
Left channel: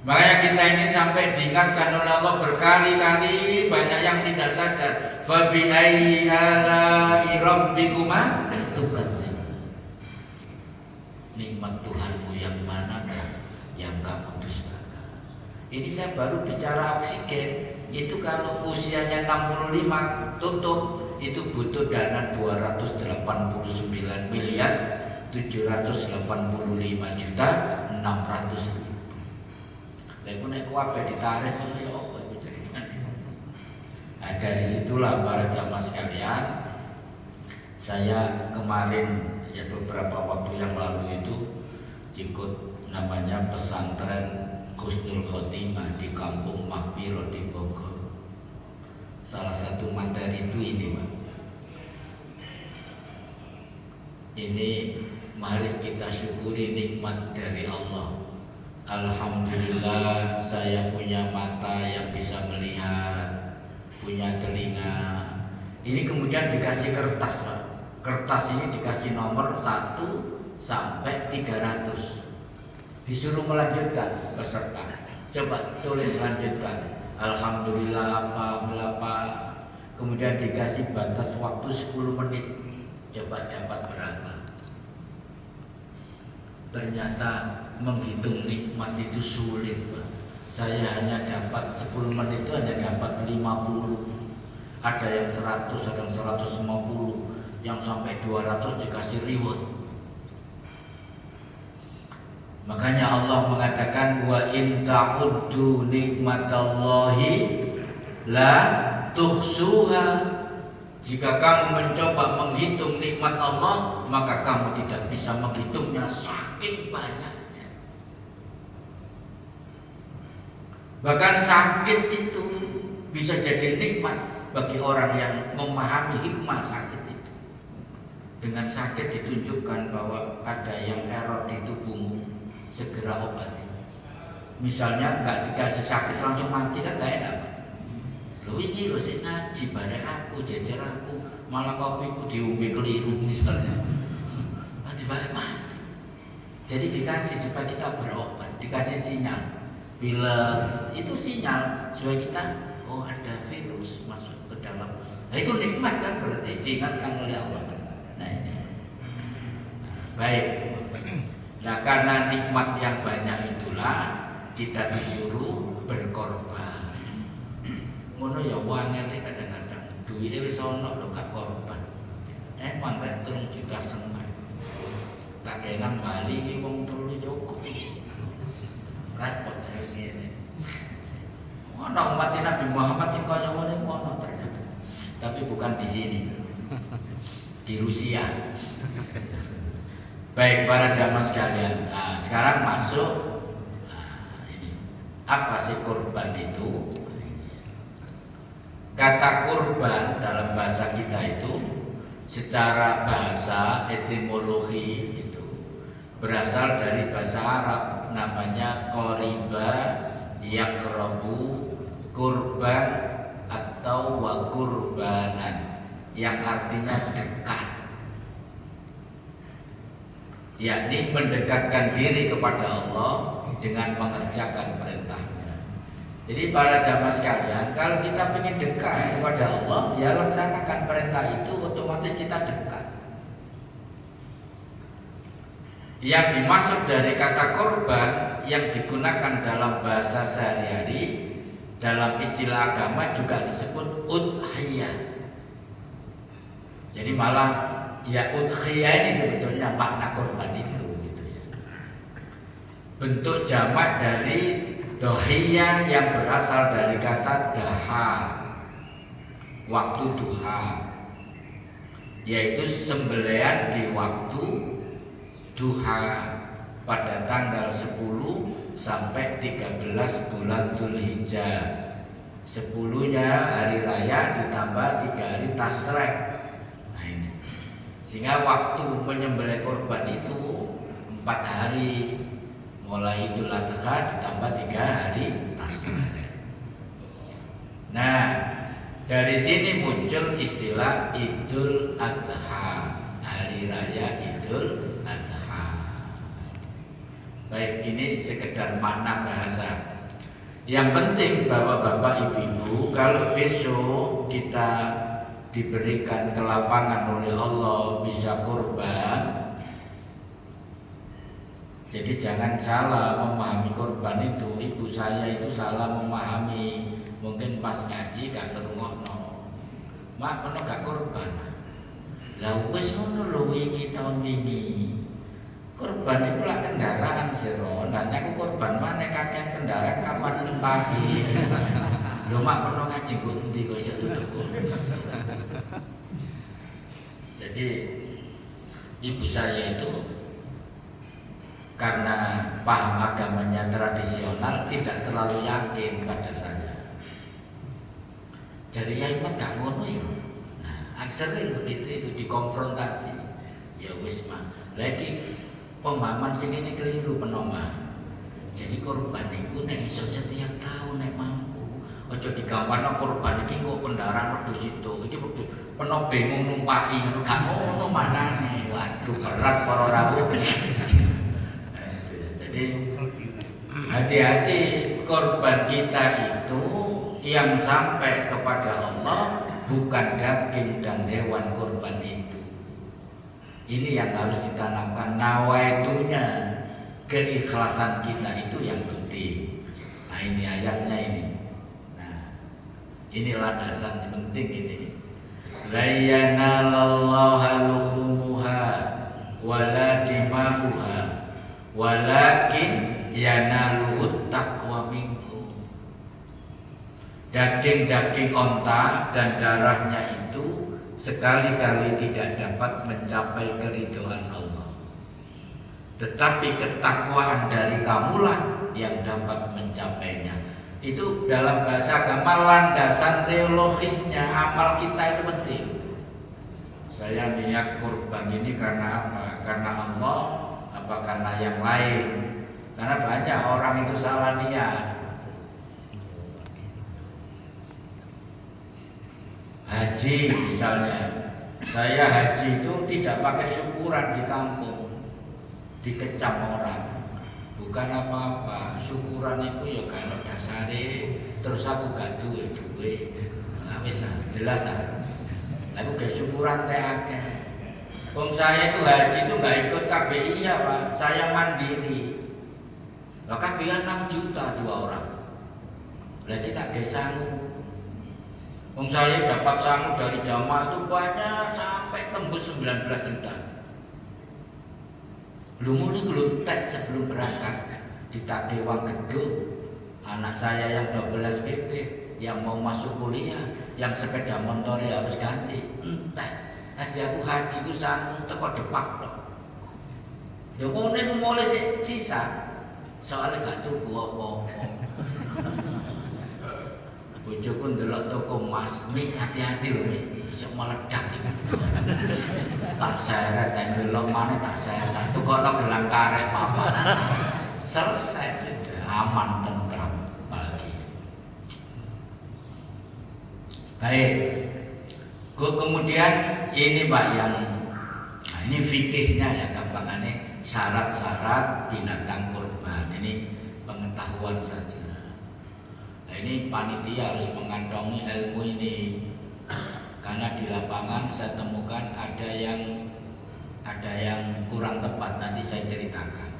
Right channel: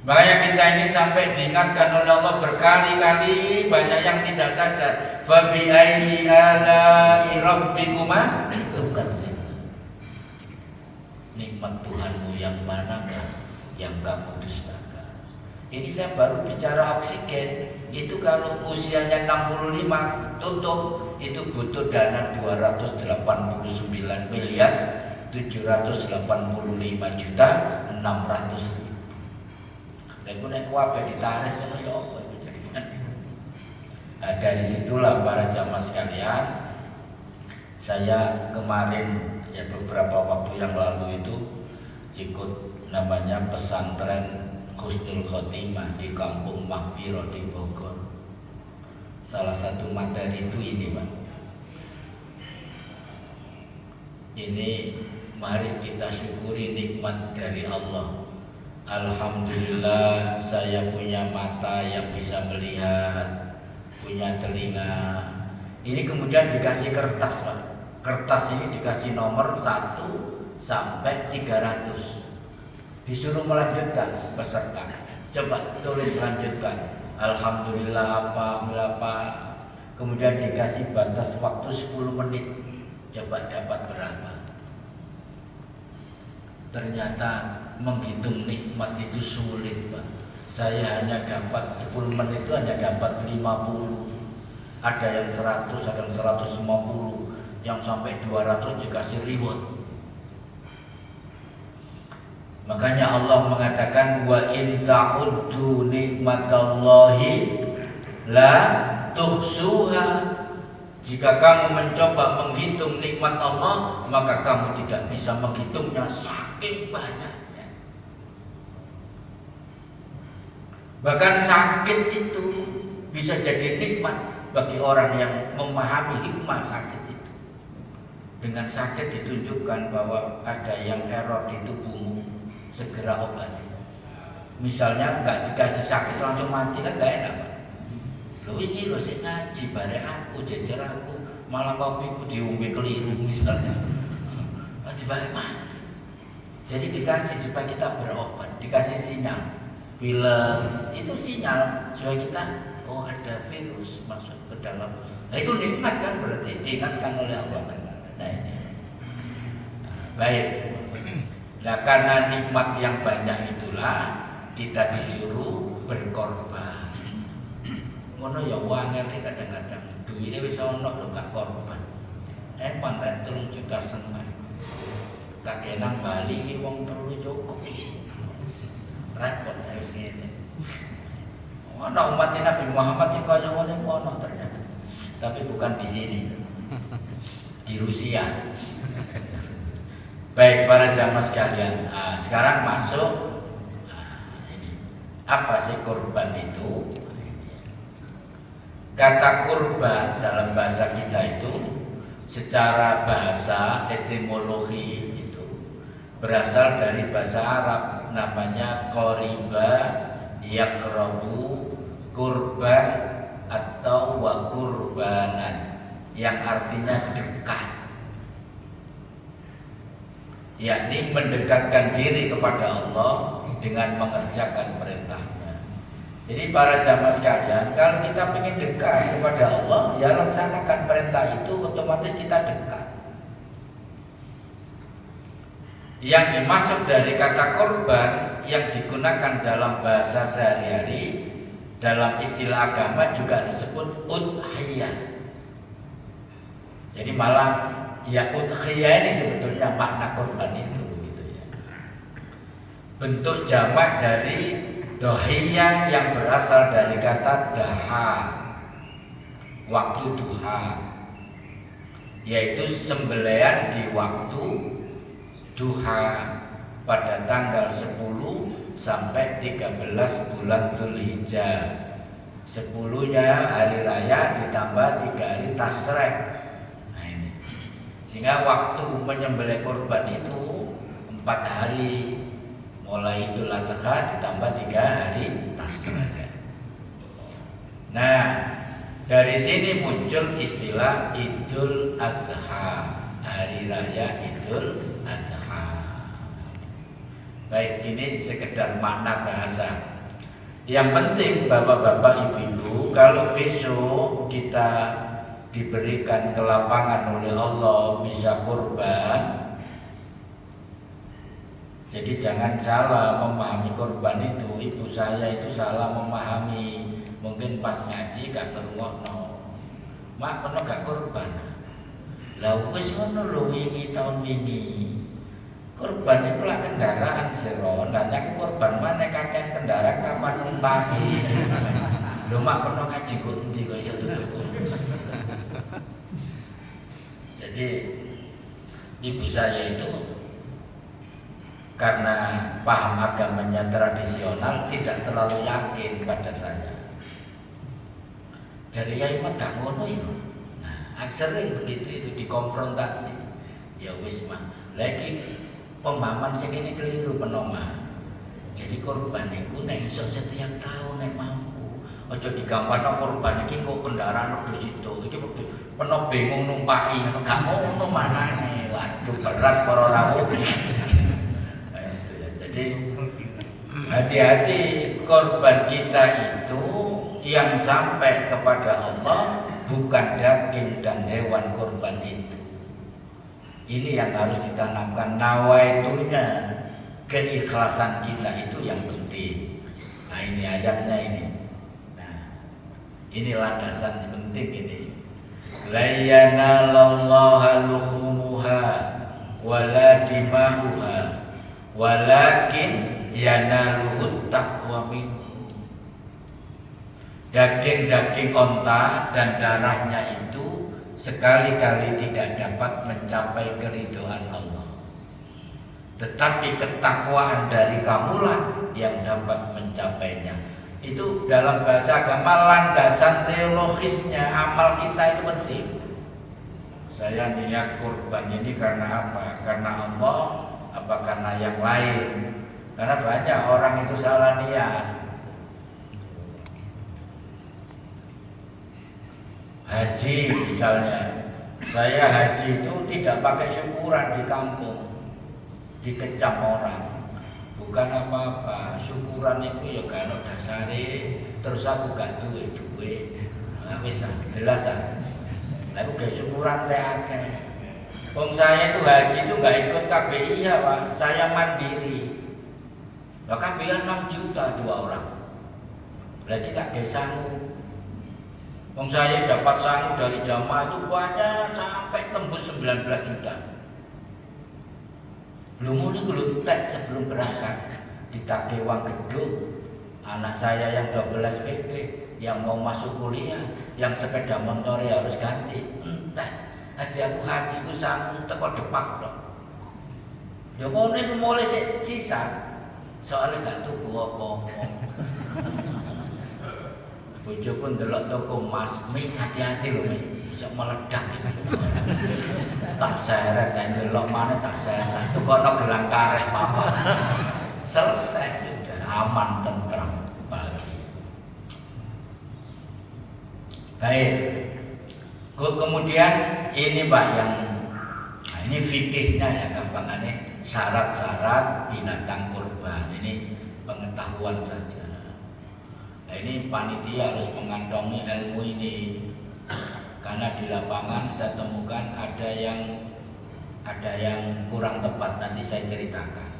Makanya kita ini sampai diingatkan oleh Allah berkali-kali, banyak yang tidak sadar. Fa bi ayyi ala'i rabbikuma tukadzib. Nikmat Tuhanmu yang mana yang kamu dustakan. Ini saya baru bicara oksigen. Itu kalau usianya 65 tutup, itu butuh dana 289 miliar 785 juta 600.000. Dan nek kuwabe ditarik ngono ya apa itu ceritanya. Nah, dari situlah para jamaah sekalian, saya kemarin ya beberapa waktu yang lalu itu ikut namanya pesantren Husnul Khotimah di Kampung Mahfiro di Bogor. Salah satu materi itu ini Pak. Ini mari kita syukuri nikmat dari Allah. Alhamdulillah saya punya mata yang bisa melihat, punya telinga. Ini kemudian dikasih kertas Pak. Kertas ini dikasih nomor 1 sampai 300. Disuruh melanjutkan peserta. Coba tulis lanjutkan. Alhamdulillah apa. Kemudian dikasih batas waktu 10 menit. Coba dapat berapa? Ternyata menghitung nikmat itu sulit Pak. Saya hanya dapat 10 menit itu hanya dapat 50. Ada yang 100, ada yang 150, yang sampai 200 dikasih reward. Makanya Allah mengatakan wa in ta'uddu nikmatallahi la tuhsuha. Jika kamu mencoba menghitung nikmat Allah, maka kamu tidak bisa menghitungnya, saking banyaknya. Bahkan sakit itu bisa jadi nikmat bagi orang yang memahami hikmah sakit itu. Dengan sakit ditunjukkan bahwa ada yang error di tubuhmu, segera obati. Misalnya nggak dikasih sakit langsung mati kan nggak enak. Loh ini loh sih ngaji bareng aku, jejer aku, malah kopiku diumbi keliru misalnya. Supaya mati. Jadi dikasih supaya kita berobat, dikasih sinyal. Bila itu sinyal supaya kita, oh ada virus masuk ke dalam. Nah itu nikmat kan, berarti diingatkan oleh Allah. Nah ini. Baik. Nah karena nikmat yang banyak itulah kita disuruh berkorban. Ngono ya wangel kadang-kadang duwike wis ana lho gak korban. Pandai 3,5 juta. Tak kenang bali iki wong 3 cukup. Repot terus ngene. Ana umat Nabi Muhammad sing kaya ngene ono ternyata. Tapi bukan di sini. Di Rusia. Baik para jamaah sekalian, sekarang masuk ini. Apa sih kurban itu? Kata kurban dalam bahasa kita itu secara bahasa etimologi itu berasal dari bahasa Arab, namanya qoriba yaqrabu kurban atau wa kurbanan, yang artinya dekat, yakni mendekatkan diri kepada Allah dengan mengerjakan perintahnya. Jadi para jamaah sekalian, kalau kita ingin dekat kepada Allah, ya laksanakan perintah itu, otomatis kita dekat. Yang dimaksud dari kata korban yang digunakan dalam bahasa sehari-hari, dalam istilah agama juga disebut udhiyah. Jadi malah ya udhiyah ini sebetulnya makna korban itu gitu ya. Bentuk jamak dari dohiyah yang berasal dari kata daha, waktu duha, yaitu sembelihan di waktu duha pada tanggal 10 sampai 13 bulan Zulhijjah. 10-nya hari raya ditambah 3 hari tasrek. Nah ini. Sehingga waktu menyembelih korban itu 4 hari. Mulai Idul Adha ditambah 3 hari tasrek. Nah, dari sini muncul istilah Idul Adha, hari raya Idul Adha. Baik, ini sekedar makna bahasa. Yang penting bapak-bapak, ibu-ibu, kalau besok kita diberikan kelapangan oleh Allah bisa kurban, jadi jangan salah memahami korban itu. Ibu saya itu salah memahami. Mungkin pas ngaji gak ngerungokno. Mak pernah gak korban. Lah wis ngono lho ini tahun ini. Korban itu lah kendaraan siro. Nanya ke korban mana kakek kendaraan kapan numpahi. Lho mak pernah ngaji kok endi kok iso tutup. Jadi ibu saya itu karena paham agamanya tradisional tidak terlalu yakin pada saya. Jadi ya emang gak ngono itu. Nah, sering begitu itu dikonfrontasi. Ya wis mah. Lagi pemahaman sing ini keliru penoma. Jadi korban itu nek iso setiap tahun nek mampu. Aja digambarno korban iki kok kendaraan wedhus itu. Iki wedhus peno bingung numpaki gak ngono manane. Waduh berat para rawuh. Jadi hati-hati, korban kita itu yang sampai kepada Allah bukan daging dan hewan korban itu. Ini yang harus ditanamkan, nawaitunya, keikhlasan kita itu yang penting. Nah ini ayatnya ini. Nah ini landasan penting ini. La yanalallaha luhumuha wala dimahuha walakin yanaluhut taqwa minkum. Daging-daging onta dan darahnya itu sekali-kali tidak dapat mencapai keridhaan Allah, tetapi ketakwaan dari kamulah yang dapat mencapainya. Itu dalam bahasa agama landasan teologisnya. Amal kita itu penting. Saya niat kurban ini karena apa? Karena Allah, apa karena yang lain? Karena banyak orang itu salah niat. Haji misalnya, saya haji itu tidak pakai syukuran di kampung. dikecam orang. Bukan apa-apa, syukuran itu ya kalau dasare terus aku gak duwe. Nah, wis jelas ah. Aku gak syukuran akeh. Wong saya itu haji itu gak ikut KBI ya Pak, saya mandiri. Bahkan KBI 6 juta 2 orang. Berarti tak desamu. Wong saya dapat sangu dari jamaah itu banyak sampai tembus 19 juta. Belum tek sebelum berangkat ditagih uang gedung. Anak saya yang 12 PP yang mau masuk kuliah, yang sepeda motor harus ganti. Entah, aja aku haji ku sangu teko depak kok. Yo mulai sisa. Soalnya gak tuku apa-apa. Bojo pun delok toko emas, "Mi, hati-hati lho, Mi. Bisa meledak." Tak seret dan delok mana tak seret. Tukono gelang karet apa. Selesai sudah, aman tentram bahagia. Baik. Kemudian ini Pak yang ini fikihnya ya gampangannya syarat-syarat binatang kurban. Ini pengetahuan saja. Nah, ini panitia harus mengantongi ilmu ini karena di lapangan saya temukan ada yang kurang tepat, nanti saya ceritakan.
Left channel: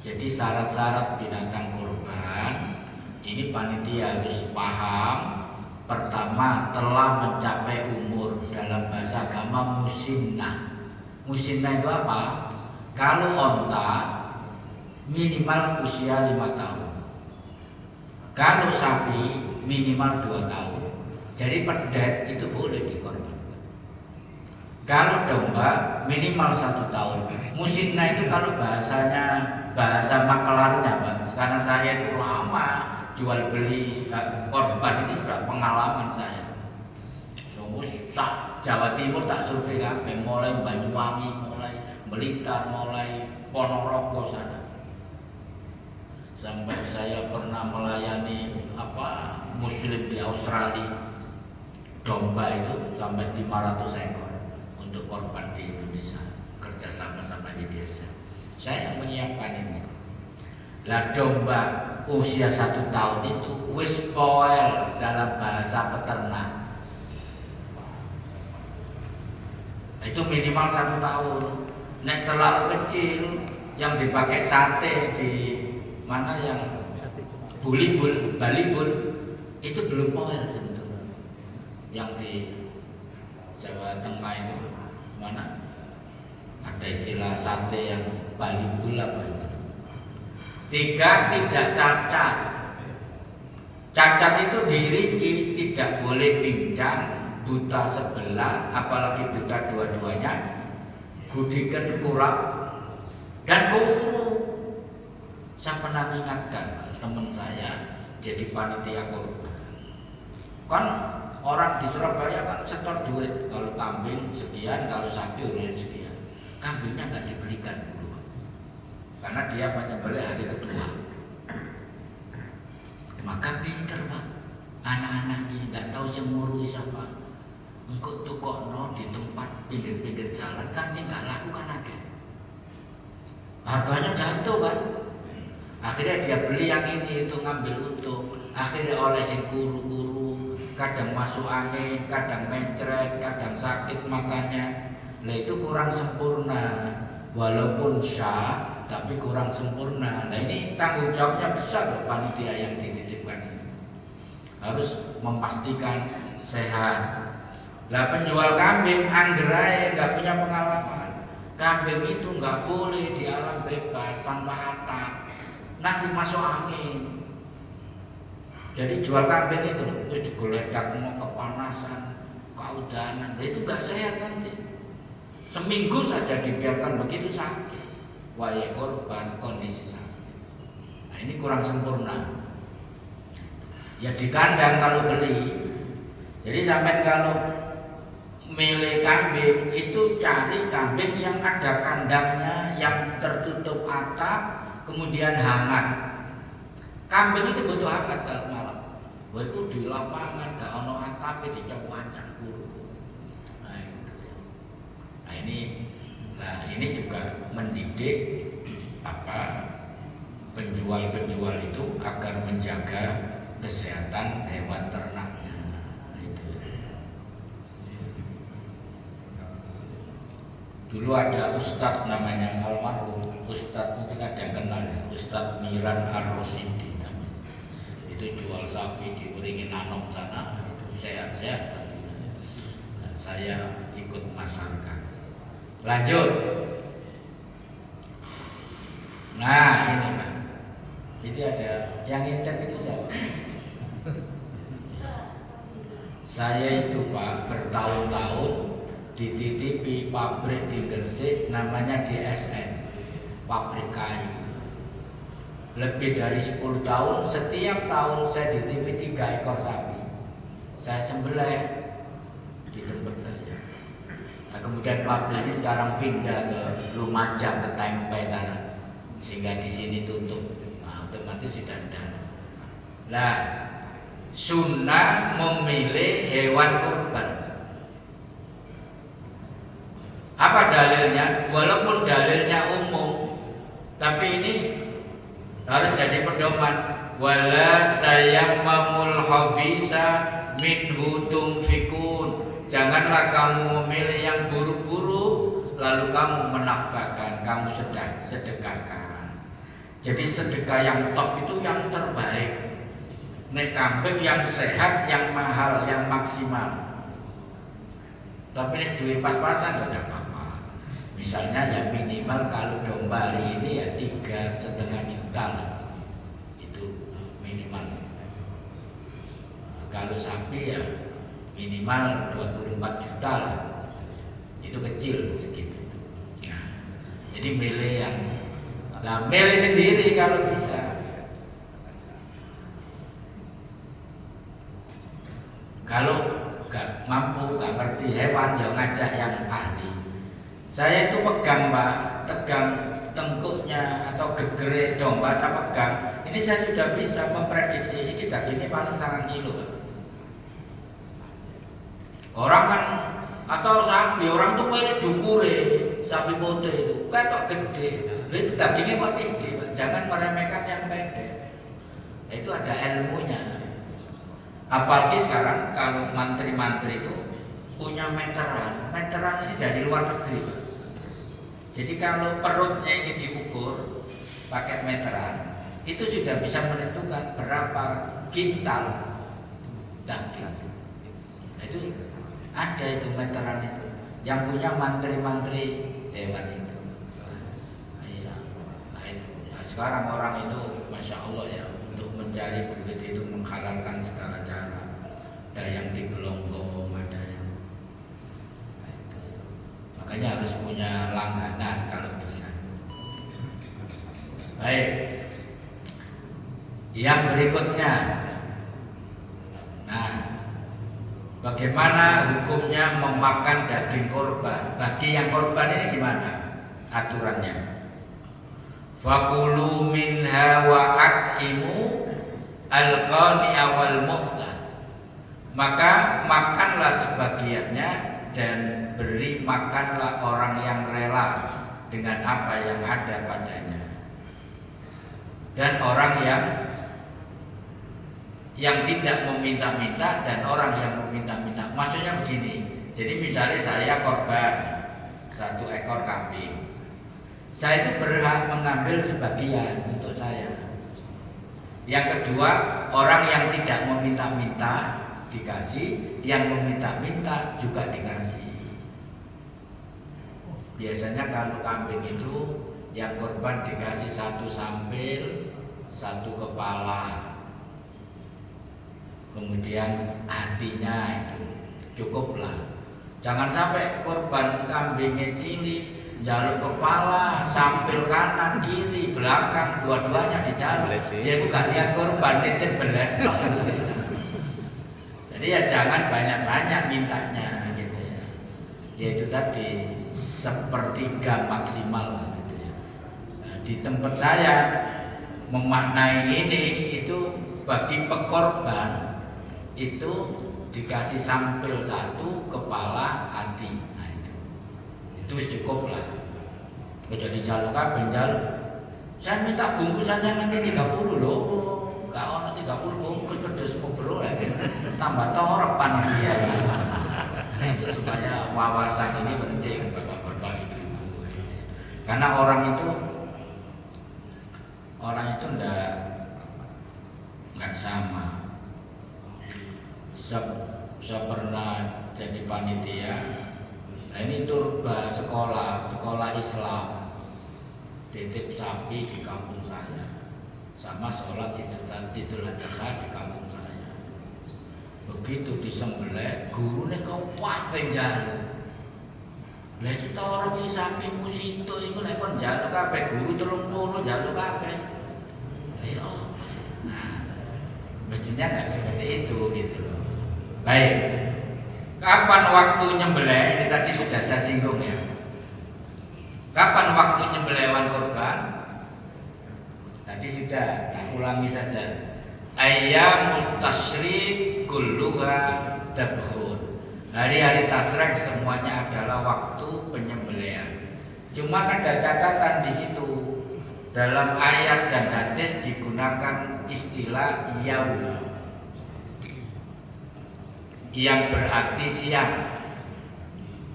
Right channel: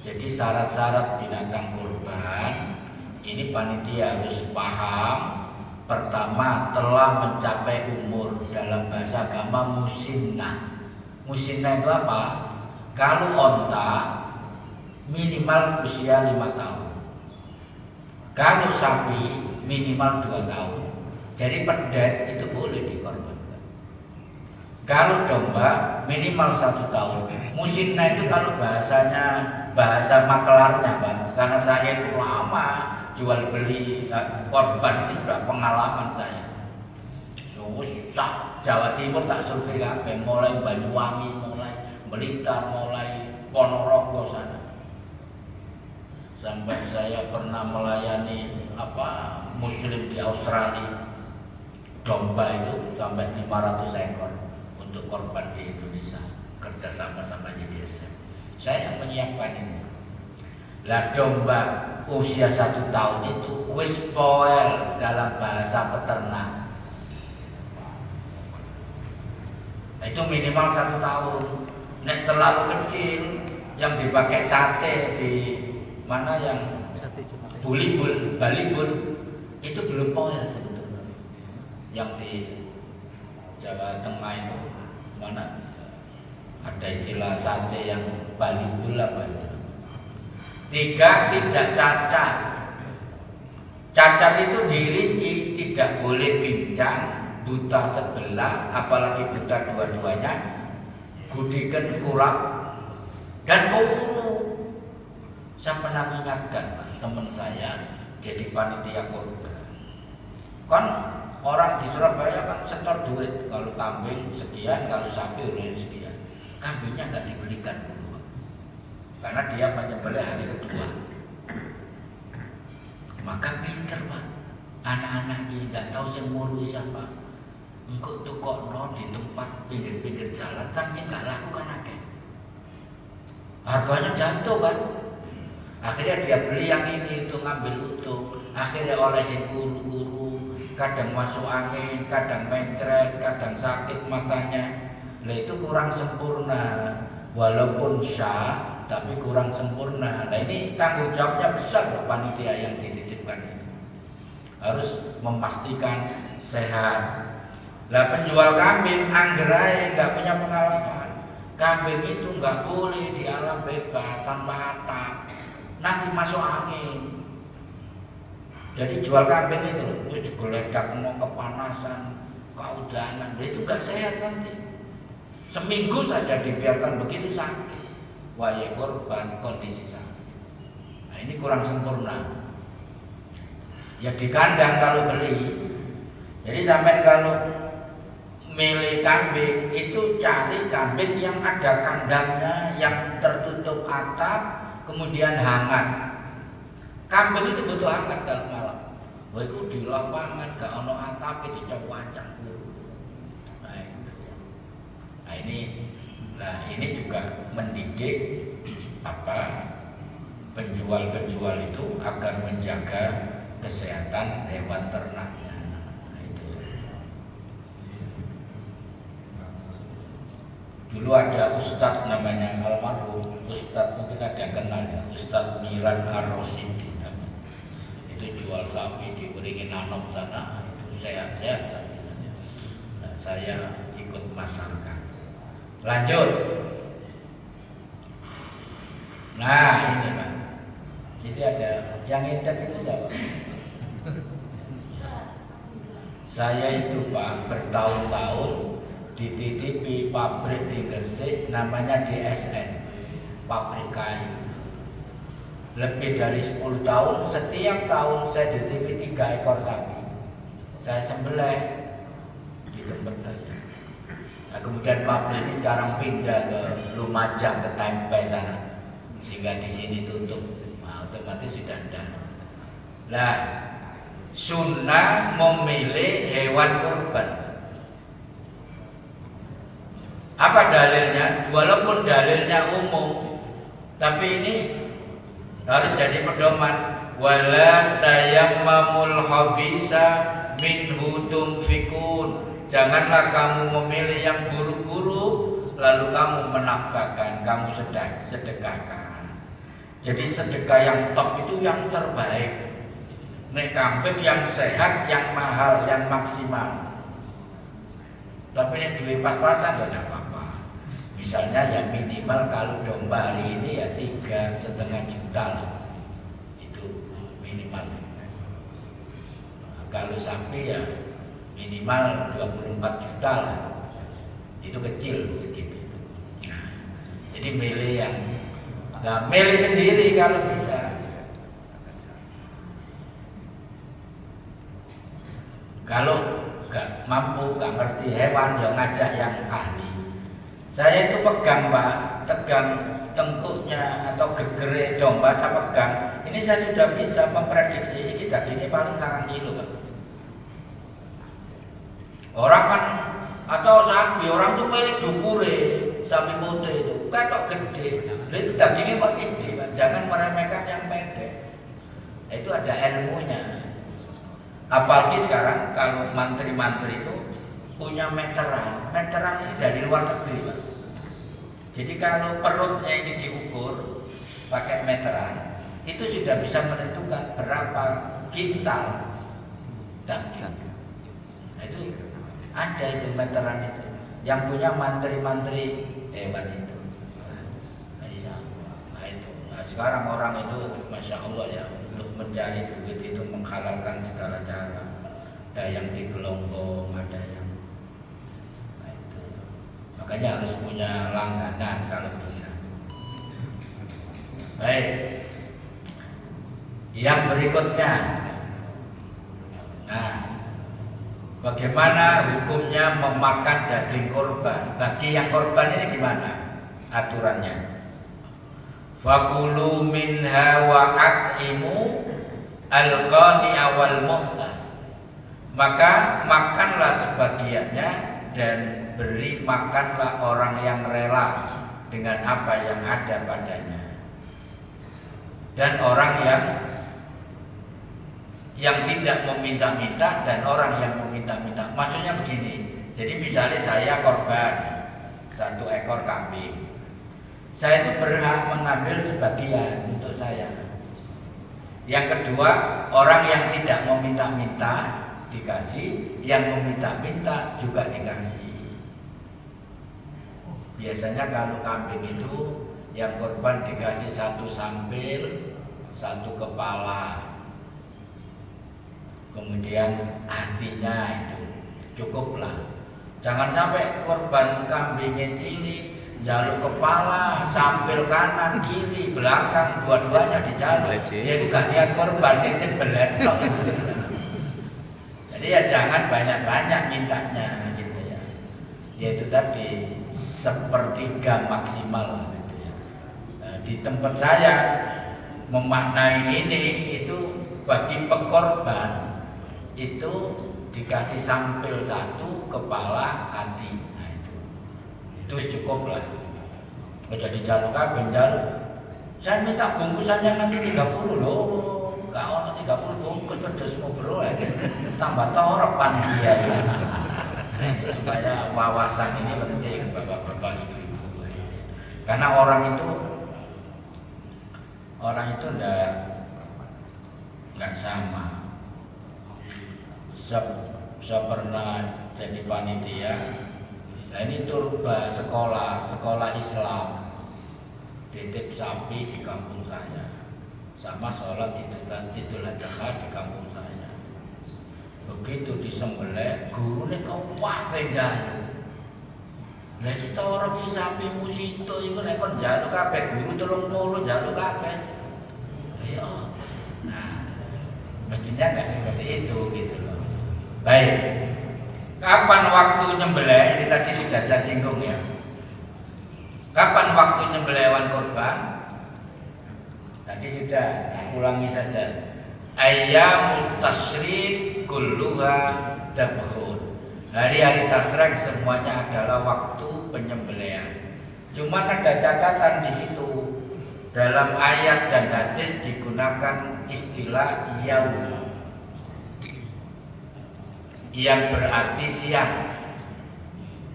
Jadi syarat-syarat binatang kurban ini panitia harus paham. Pertama, telah mencapai umur, dalam bahasa agama musinnah. Musinnah itu apa? Kalau onta minimal usia 5 tahun. Kalau sapi minimal 2 tahun. Jadi pedet itu boleh dikorbankan. Kalau domba minimal 1 tahun. Musinnah itu kalau bahasa makelarnya Pak. Karena saya itu lama jual beli korban itu sudah pengalaman saya. Susah. Jawa Timur tak survei kabeh, mulai Banyuwangi, mulai Blitar, mulai Ponorogo sana. Sampai saya pernah melayani muslim di Australia, domba itu sampai 500 ekor untuk korban di Indonesia, kerja sama di desa. Saya menyiapkan ini. Lah domba usia 1 tahun itu wis poel dalam bahasa peternak. Itu minimal 1 tahun. Nek terlalu kecil yang dipakai sate di mana yang balibul itu belum poel sebetulnya. Yang di Jawa Tengah itu mana ada istilah sate yang balibul apa itu. 3, tidak cacat. Cacat itu dirinci, tidak boleh pincang, buta sebelah, apalagi buta dua-duanya, gudikan kurang, dan kufuru. Saya pernah mengingatkan teman saya jadi panitia korban. Kan orang di Surabaya kan setor duit, kalau kambing sekian, kalau sapi udah sekian. Kambingnya nggak dibelikan dulu, karena dia menyembelih hari kedua. Maka pintar Pak, anak-anaknya nggak tahu yang ngurus siapa. Engkau tukokno di tempat pinggir-pinggir jalan kan sih nggak laku kan akeh. Harganya jatuh kan. Akhirnya dia beli yang ini itu ngambil untung. Akhirnya oleh si guru-guru, kadang masuk angin, kadang mencret, kadang sakit matanya. Nah itu kurang sempurna. Walaupun syah, tapi kurang sempurna. Nah ini tanggung jawabnya besar panitia yang dititipkan ini. Harus memastikan sehat. Lah penjual kambing anggerai nggak punya pengalaman. Kambing itu nggak boleh di alam bebas tanpa atap. Nanti masuk angin. Jadi jual kambing itu digeledak mau kepanasan, keudanan, itu gak sehat nanti. Seminggu saja dibiarkan begitu sakit. Wahai korban kondisi sakit. Nah ini kurang sempurna. Ya di kandang kalau beli. Jadi sampai kalau milih kambing itu cari kambing yang ada kandangnya, yang tertutup atap, kemudian hangat. Kambing itu butuh hangat kalau malam. Wah itu di lapangan gak ono atap itu wancang dulu. Nah ini juga mendidik penjual-penjual itu agar menjaga kesehatan hewan ternaknya. Itu. Dulu ada ustadz namanya almarhum, ustadz mungkin ada yang kenal ya, Ustadz Miran Ar-Rosidi namanya. Itu jual sapi di Beringin Nanom sana, itu sehat-sehat sapinya. Nah, saya ikut masangkan. Lanjut. Nah ini Pak. Jadi ada yang intern itu siapa? Saya itu Pak bertahun-tahun dititipi pabrik di Gresik namanya DSN, pabrik kayu. Lebih dari 10 tahun, setiap tahun saya dititipi 3 ekor sapi. Saya sembelih di tempat saya. Nah, kemudian pabrik ini sekarang pindah ke Lumajang, ke Tempe sana, sehingga di sini tutup. Nah, otomatis sudah ada. Nah, sunnah memilih hewan kurban. Apa dalilnya? Walaupun dalilnya umum, tapi ini harus jadi pedoman. Wala tayammamul khabisa minhu tunfikun. Janganlah kamu memilih yang buruk-buruk lalu kamu menafkahkan, kamu sedekahkan. Jadi sedekah yang top itu yang terbaik. Nek kambing yang sehat, yang mahal, yang maksimal. Tapi ini duit pas-pasan ya tidak apa-apa. Misalnya yang minimal kalau domba hari ini ya 3,5 juta lah, itu minimal. Nah, kalau sapi ya minimal 24 juta lah, itu kecil segitu. Nah, jadi milih yang, nah milih sendiri kalau bisa. Kalau gak mampu, gak ngerti hewan, ya ngajak yang ahli. Saya itu pegang Pak, tegang tengkuknya atau gegere domba saya pegang. Ini saya sudah bisa memprediksi ini dagingnya paling 9 kilo Pak. Orang kan atau sapi, orang tuh milih dukure, sapi putih itu kayak gede. Itu dagingnya paling gede Pak. Jangan meremehkan yang pendek. Itu ada ilmunya. Apalagi sekarang kalau mantri-mantri itu punya meteran. Meteran ini dari luar negeri Pak. Jadi kalau perutnya ini diukur pakai meteran, itu sudah bisa menentukan berapa kintal daging. Nah, itu ada itu meteran itu. Yang punya mantri-mantri hewan itu. Nah, itu. Nah, sekarang orang itu Masya Allah ya, untuk mencari duit itu menghalalkan segala cara. Ada yang digelonggong, ada yang makanya harus punya langganan kalau bisa. Baik. Yang berikutnya. Nah, bagaimana hukumnya memakan daging korban? Bagi yang korban ini gimana aturannya? Fakulu minha wa at'imu al-qani awal mu'tah. Maka makanlah sebagiannya dan beri makanlah orang yang rela dengan apa yang ada padanya. Dan orang yang tidak meminta-minta dan orang yang meminta-minta. Maksudnya begini. Jadi misalnya saya korban 1 ekor kambing. Saya itu berhak mengambil sebagian untuk saya. Yang kedua, orang yang tidak meminta-minta dikasih, yang meminta-minta juga dikasih. Biasanya kalau kambing itu yang korban dikasih 1 sampil, 1 kepala, kemudian hatinya itu cukuplah. Jangan sampai korban kambingnya cili, jalur kepala, sampil kanan, kiri, belakang, dua-duanya dijalur. Ya juga lihat korban itu belet. Jadi ya jangan banyak-banyak mintanya gitu ya. Yaitu tadi 1/3 maksimal lah gitu ya. Nah, di tempat saya memaknai ini itu bagi pekorban itu dikasih sampil 1, kepala, hati. Nah itu cukup lah. Jadi jalur kabeh jalur. Saya minta bungkusannya nanti 30 loh. Kalau nanti 30 bungkus pedes ngobrol aja. Tambah torep panitia. Supaya wawasan ini penting bapak-bapak ibu-ibu. Karena orang itu enggak sama. Saya pernah jadi panitia. Nah ini tuh sekolah Islam. Titip sapi di kampung saya, sama sholat Idul Adha di kampung saya. Begitu disembelih, gurunya kau wae jalu. Lah kita orang iki sapi musito iku nek kon jalu kabeh guru 30 jalu kabeh. Ya. Nah, mestinya enggak seperti itu gitu loh. Baik. Kapan waktu nyembelih? Ini tadi sudah saya singgung ya. Kapan waktu nyembelih hewan kurban? Tadi sudah, ulangi saja. Ayyamut tasyrik kulluha dabkhun. Hari-hari tasyrik semuanya adalah waktu penyembelihan. Cuma ada catatan di situ. Dalam ayat dan hadis digunakan istilah yaum, yang berarti siang.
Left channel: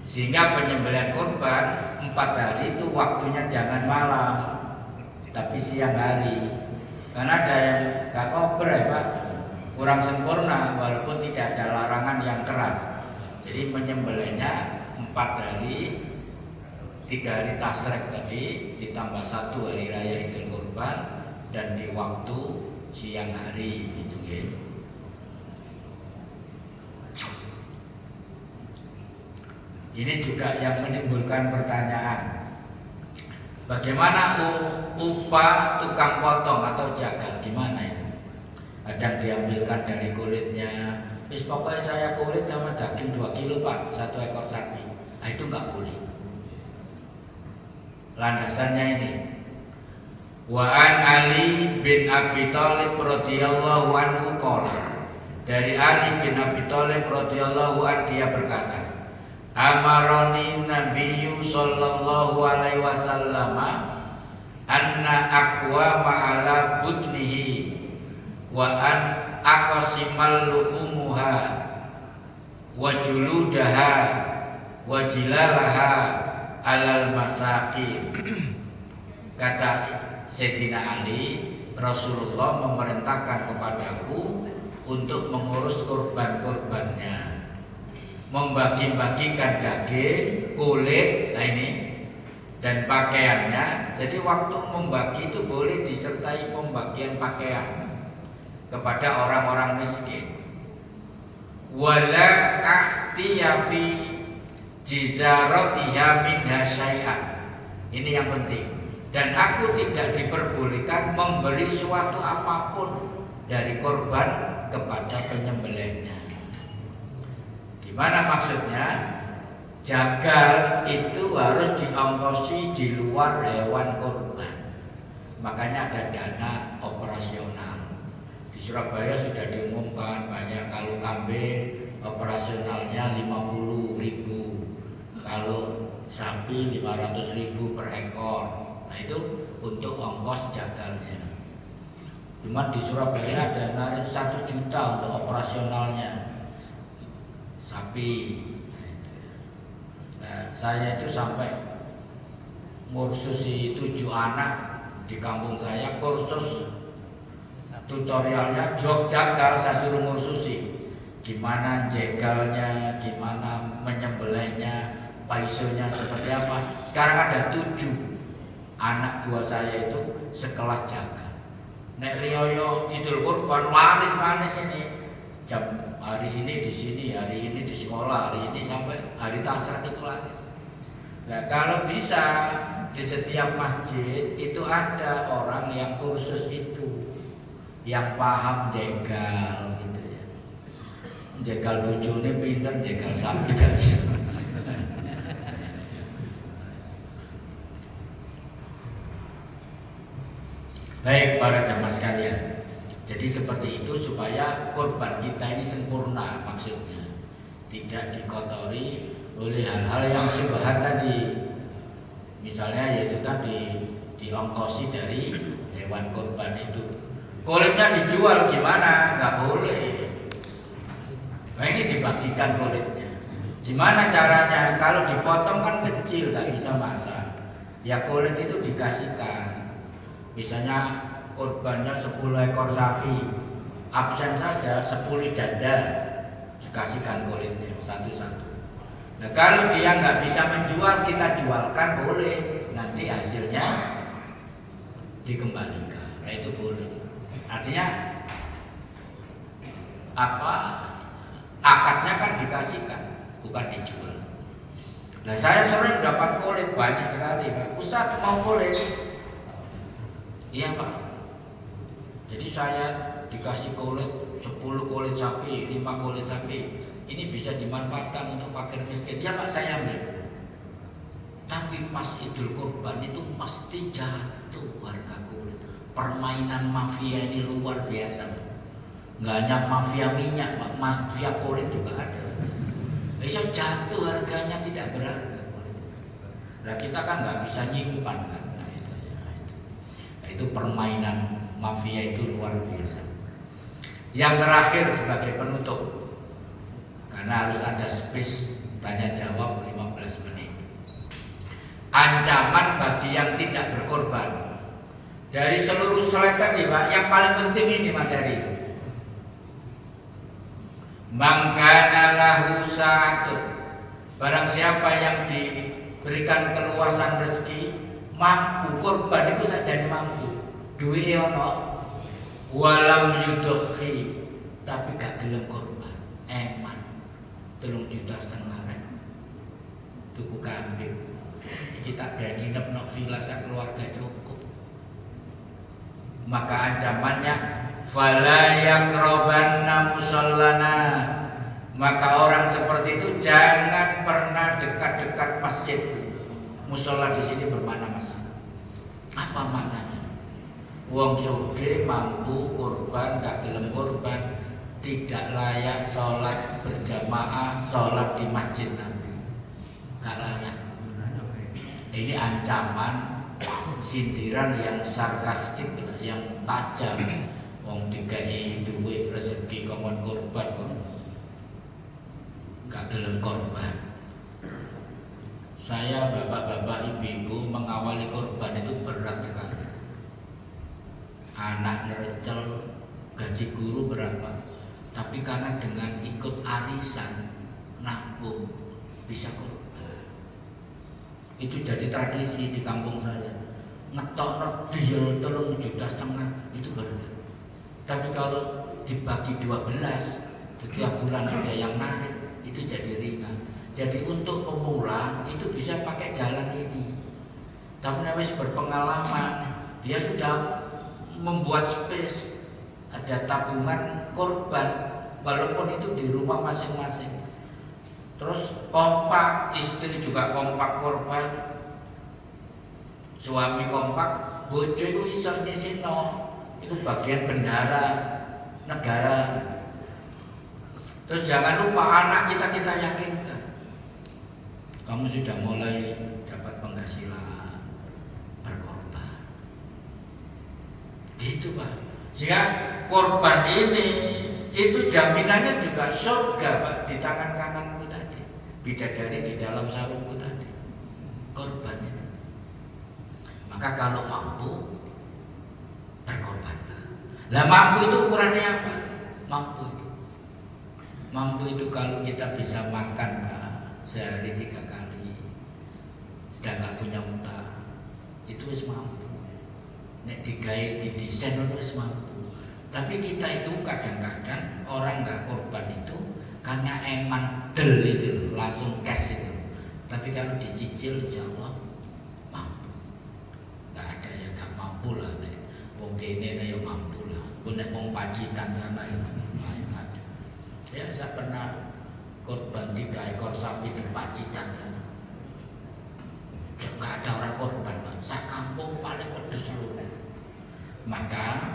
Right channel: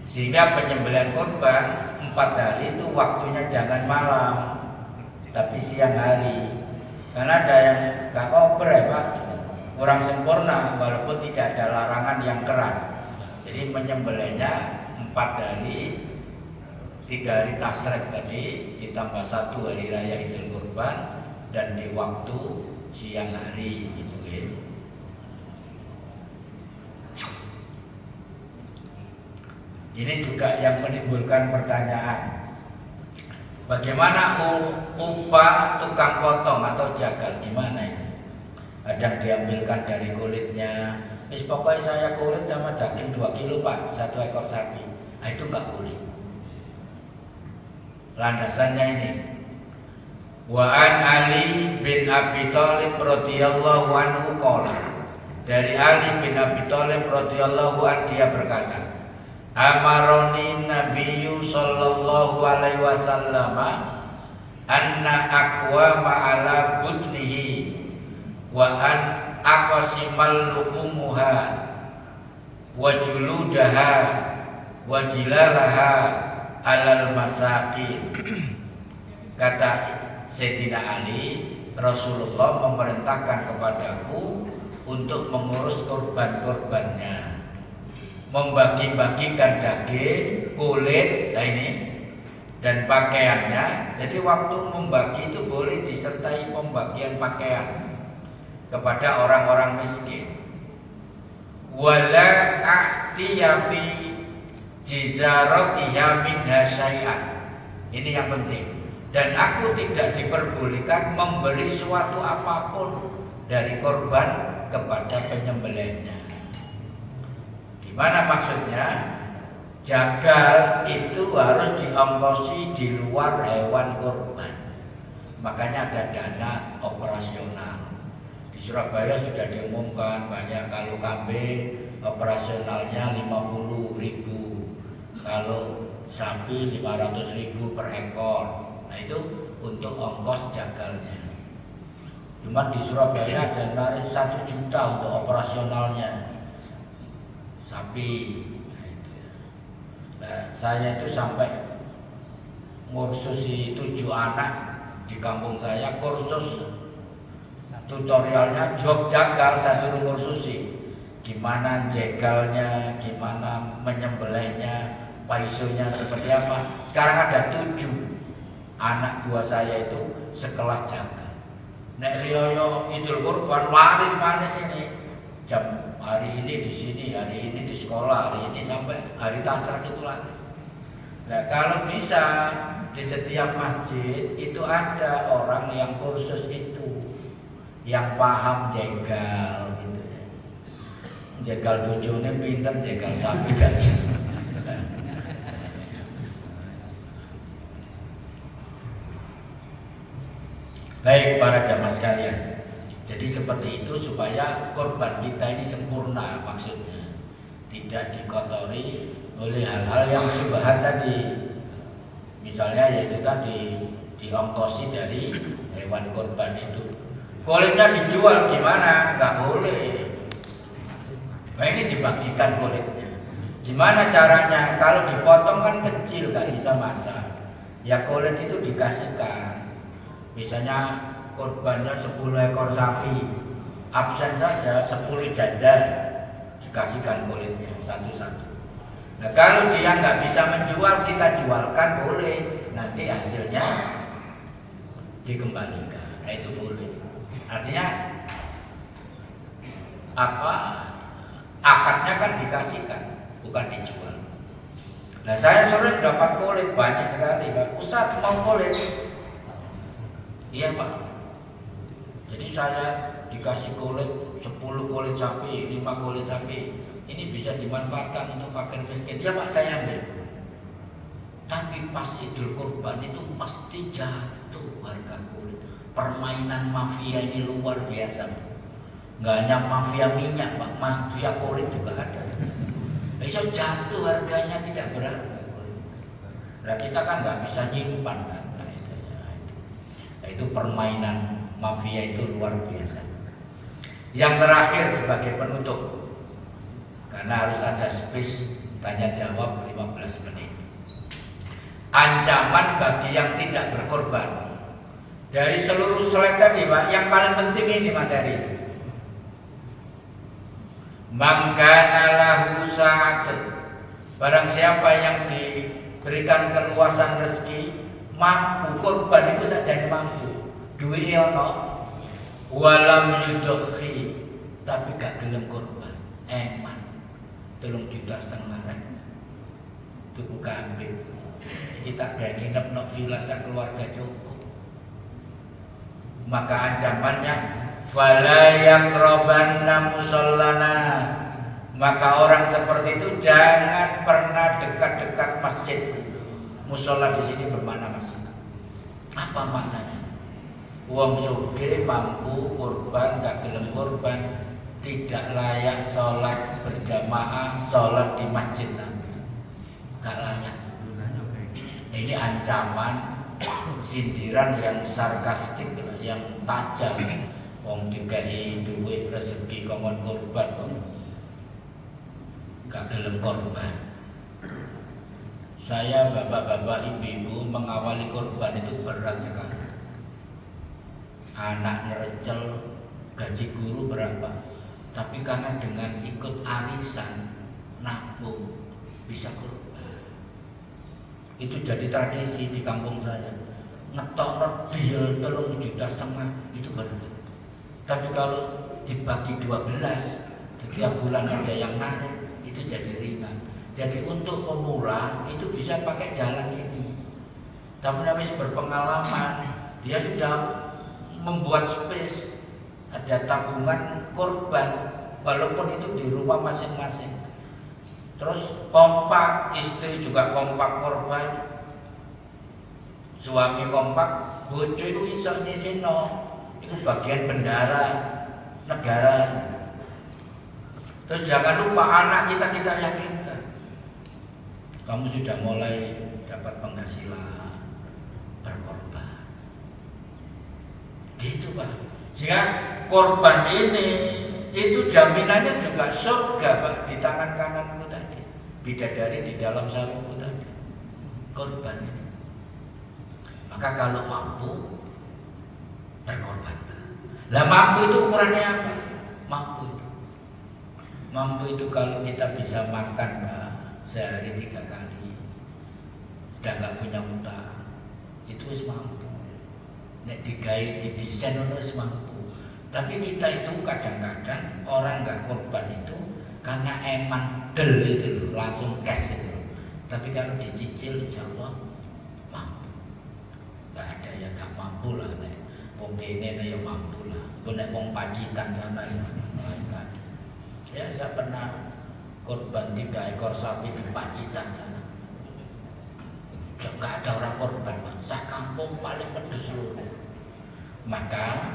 Sehingga penyembelihan kurban 4 hari itu waktunya jangan malam, tapi siang hari. Karena ada yang gak kober ya Pak, kurang sempurna walaupun tidak ada larangan yang keras. Jadi menyembelihnya 4 hari, 3 hari tasyrik tadi, ditambah 1 hari raya Idul Kurban, dan di waktu siang hari gitu ya. Ini juga yang menimbulkan pertanyaan. Bagaimana upah tukang potong atau jagal? Gimana itu? Ada yang diambilkan dari kulitnya. Pokoknya saya kulit sama daging 2 kilo Pak, 1 ekor sapi. Nah, itu nggak boleh. Landasannya ini. Wa an Ali bin Abi Thalib radhiyallahu anhu qala. Dari Ali bin Abi Thalib radhiyallahu anhu dia berkata, Amaroni Nabiyyu sallallahu alaihi wasallam anna aqwama ala budnihi wa an aqsimal luhumuha wa juludaha wa jilalaha alal masakin. Kata Sayyidina Ali, Rasulullah memerintahkan kepadaku untuk mengurus kurban-kurbannya, membagi-bagikan daging, kulit, nah ini, dan pakaiannya. Jadi waktu membagi itu boleh disertai pembagian pakaian kepada orang-orang miskin. Wala a'tiya fi jizaratiha minha syai'an. Ini yang penting. Dan aku tidak diperbolehkan memberi suatu apapun dari korban kepada penyembelihnya. Gimana maksudnya? Jagal itu harus diongkosi di luar hewan kurban. Makanya ada dana operasional. Di Surabaya sudah diumumkan banyak, kalau kambing operasionalnya 50.000, kalau sapi 500.000 per ekor. Nah itu untuk ongkos jagalnya. Cuma di Surabaya ada narik 1 juta untuk operasionalnya sapi. Nah, saya itu sampai ngursusi 7 anak di kampung saya, kursus tutorialnya job jagal, saya suruh ngursusi gimana jegalnya, gimana menyembelihnya, paisonya seperti apa. Sekarang ada 7 anak buah saya itu sekelas jagal. Nek riyo Idul Kurban manis ini, jam hari ini di sini, hari ini di sekolah, hari ini sampai hari tasrak itu laris. Nah kalau bisa di setiap masjid itu ada orang yang kursus itu, yang paham jegal gitu ya. Jegal bojone pinter, jegal sapi kan. Baik para jamaah sekalian. Jadi seperti itu supaya kurban kita ini sempurna, maksudnya tidak dikotori oleh hal-hal yang syubhat tadi. Misalnya yaitu tadi diongkosi dari hewan korban itu. Kulitnya dijual gimana? Nggak boleh. Nah ini dibagikan kulitnya. Gimana caranya? Kalau dipotong kan kecil, nggak bisa masak. Ya kulit itu dikasihkan. Misalnya korbannya 10 ekor sapi, absen saja 10 janda, dikasihkan kulitnya satu-satu. Nah kalau dia nggak bisa menjual, kita jualkan boleh. Nanti hasilnya dikembalikan. Nah itu boleh. Artinya apa? Akadnya kan dikasihkan, bukan dijual. Nah saya sore dapat kulit banyak sekali, Pak. Ustaz mau kulit? Iya Pak. Jadi saya dikasih kulit 10 kulit sapi, 5 kulit sapi. Ini bisa dimanfaatkan untuk fakir miskin. Ya Pak saya ambil. Tapi pas Idul Kurban itu pasti jatuh harga kulit. Permainan mafia ini luar biasa. Nggak hanya mafia minyak, Pak, mafia kulit juga ada. Bisa jatuh harganya tidak berharga. Nah kita kan nggak bisa nyimpan kan. Nah, itu permainan mafia itu luar biasa. Yang terakhir sebagai penutup, karena harus ada space tanya jawab 15 menit. Ancaman bagi yang tidak berkorban. Dari seluruh slide tadi Pak, yang paling penting ini materi. Mangkana lahu sa'atun. Barang siapa yang diberikan keluasan rezeki, mampu korban itu saja mampu. Duit ono, walam yudhi, tapi gak gelem korban. Eman, 3,5 juta kan? Tuku kambing. Kita berani nginep no villa keluarga cukup. Maka ancamannya fala yaqrabanna musallana. Maka orang seperti itu jangan pernah dekat-dekat masjid. Musola di sini bermakna masjid. Apa maknanya? Wong sugih mampu korban, gak gelem korban, tidak layak sholat berjamaah, sholat di masjid Nabi. Gak layak. Ini ancaman, sindiran yang sarkastik, yang tajam. Wong dikai duit rezeki komon korban, gak gelem korban. Saya bapak-bapak ibu-ibu mengawali korban itu berat sekali. Anak nerecel, gaji guru berapa, tapi karena dengan ikut arisan nabung bisa korban. Itu jadi tradisi di kampung saya. Ngetok deal 3,5 juta itu baru. Tapi kalau dibagi 12 setiap bulan ada yang narik, itu jadi ringan. Jadi untuk pemula itu bisa pakai jalan ini. Tapi habis berpengalaman, dia sudah membuat space, ada tabungan korban, walaupun itu di rumah masing-masing. Terus kompak, istri juga kompak korban, suami kompak, bojo itu iso nyisino, itu bagian bendara negara. Terus jangan lupa anak kita yakinkan, kamu sudah mulai dapat penghasilan, berkorban. Gitu Pak. Sehingga korban ini itu jaminannya juga surga Pak, di tangan kananmu tadi. Bidadari di dalam sarungku tadi. Korban ini. Maka kalau mampu berkorban. Lah mampu itu ukurannya apa? Mampu itu kalau kita bisa makan Pak, sehari 3 kali, sudah nggak punya utang, itu harus mampu. Nek digawe didesain harus mampu. Tapi kita itu kadang-kadang orang nggak korban itu karena emang del itu langsung cash itu. Tapi kalau dicicil insya Allah mampu. Nggak ada yang nggak mampu lah. Wong kene ya mampu lah. Nek wong Pacitan sana ya lain lagi. Ya saya pernah korban 3 ekor sapi di Pacitan sana. Nggak ada orang korban, Pak. Sakampung paling pedes seluruh. Maka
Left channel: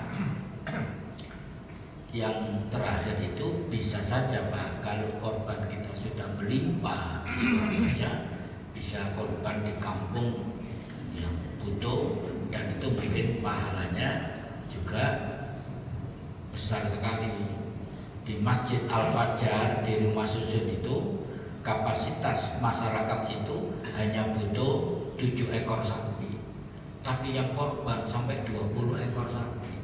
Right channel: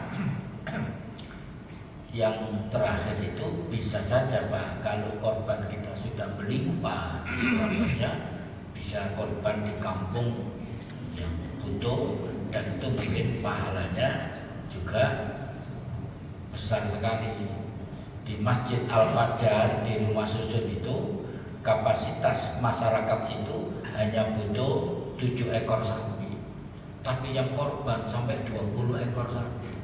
yang terakhir itu bisa saja Pak, kalau korban kita sudah melimpah, ya, bisa korban di kampung yang butuh, dan itu mungkin pahalanya besar sekali. Di Masjid Al-Fajar di Rumah Susun itu kapasitas masyarakat situ hanya butuh 7 ekor sapi, tapi yang korban sampai 20 ekor sapi.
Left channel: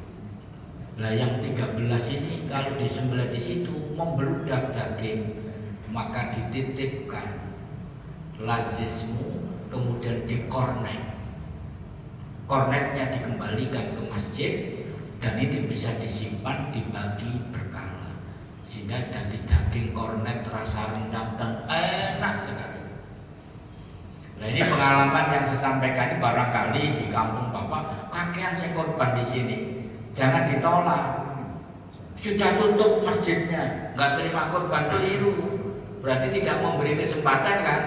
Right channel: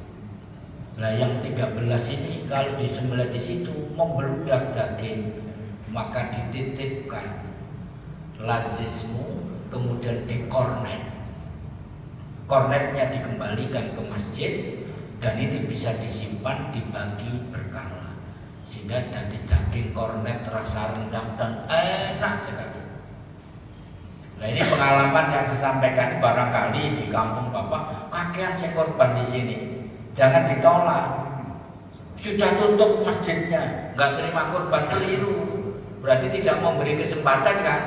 Nah yang 13 ini kalau disembelih di situ membeludak daging, maka dititipkan lazismu, kemudian dikornet, kornetnya dikembalikan ke masjid, dan itu bisa disimpan dibagi berkala, sehingga jadi daging kornet rasa rendang dan enak sekali. Nah ini pengalaman yang saya sampaikan, barangkali di kampung Bapak kakean saya korban di sini, jangan ditolak. Sudah tutup masjidnya, nggak terima korban, keliru. Berarti tidak memberi kesempatan kan?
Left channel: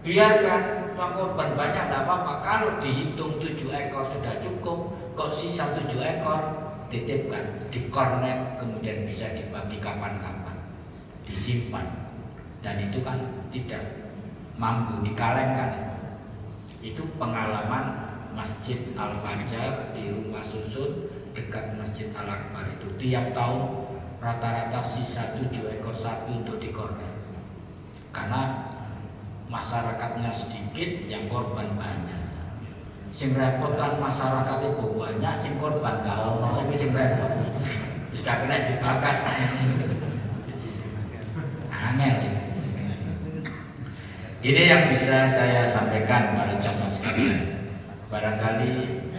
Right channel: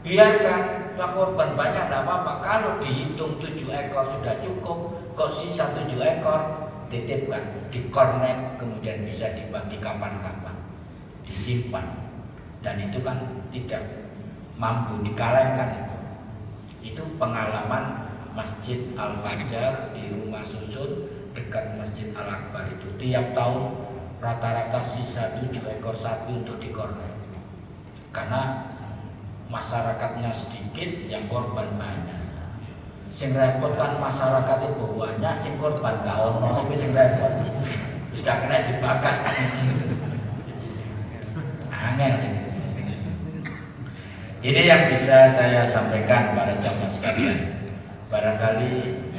Biarkan korban banyak, tidak apa-apa. Kalau dihitung 7 ekor sudah cukup, kok sisa 7 ekor titipkan, dikornet, kemudian bisa dibagi kapan-kapan, disimpan, dan itu kan tidak mampu dikalengkan. Itu pengalaman Masjid Al-Fajar di Rumah Susun dekat Masjid Al-Akbar itu. Tiap tahun rata-rata sisa 7 ekor sapi untuk dikornet, karena masyarakatnya sedikit, yang korban banyak. Sing repot kan masyarakat itu banyak, sing korban gak ono, tapi sing repot wis gak kena dibakas. Angel ini. Ini yang bisa saya sampaikan para jamaah sekalian. Barangkali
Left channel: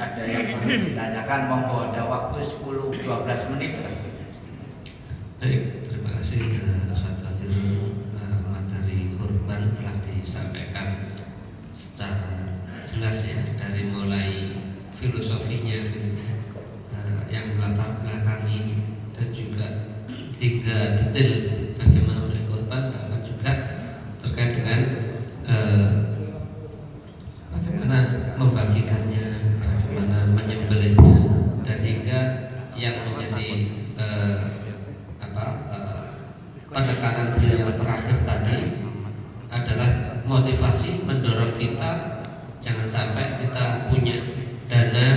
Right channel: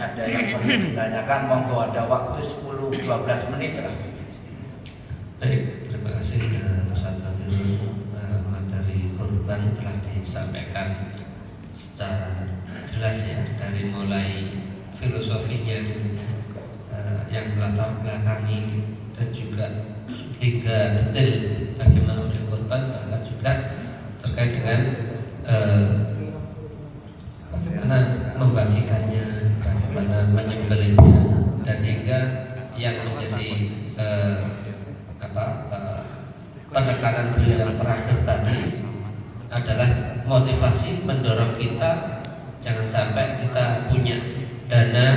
ada yang perlu ditanyakan, monggo, ada waktu 10-12 menit lagi. Baik, terima kasih Ustaz Adil. Materi korban telah disampaikan secara jelas ya, dari mulai filosofinya yang melatar belakangi, dan juga hingga detail bagaimana memberi korban, bahkan juga terkait dengan bagaimana membagikannya, bagaimana menyembelihnya, dan hingga yang menjadi penekanan beliau yang terakhir tadi adalah motivasi mendorong kita jangan sampai kita punya dana,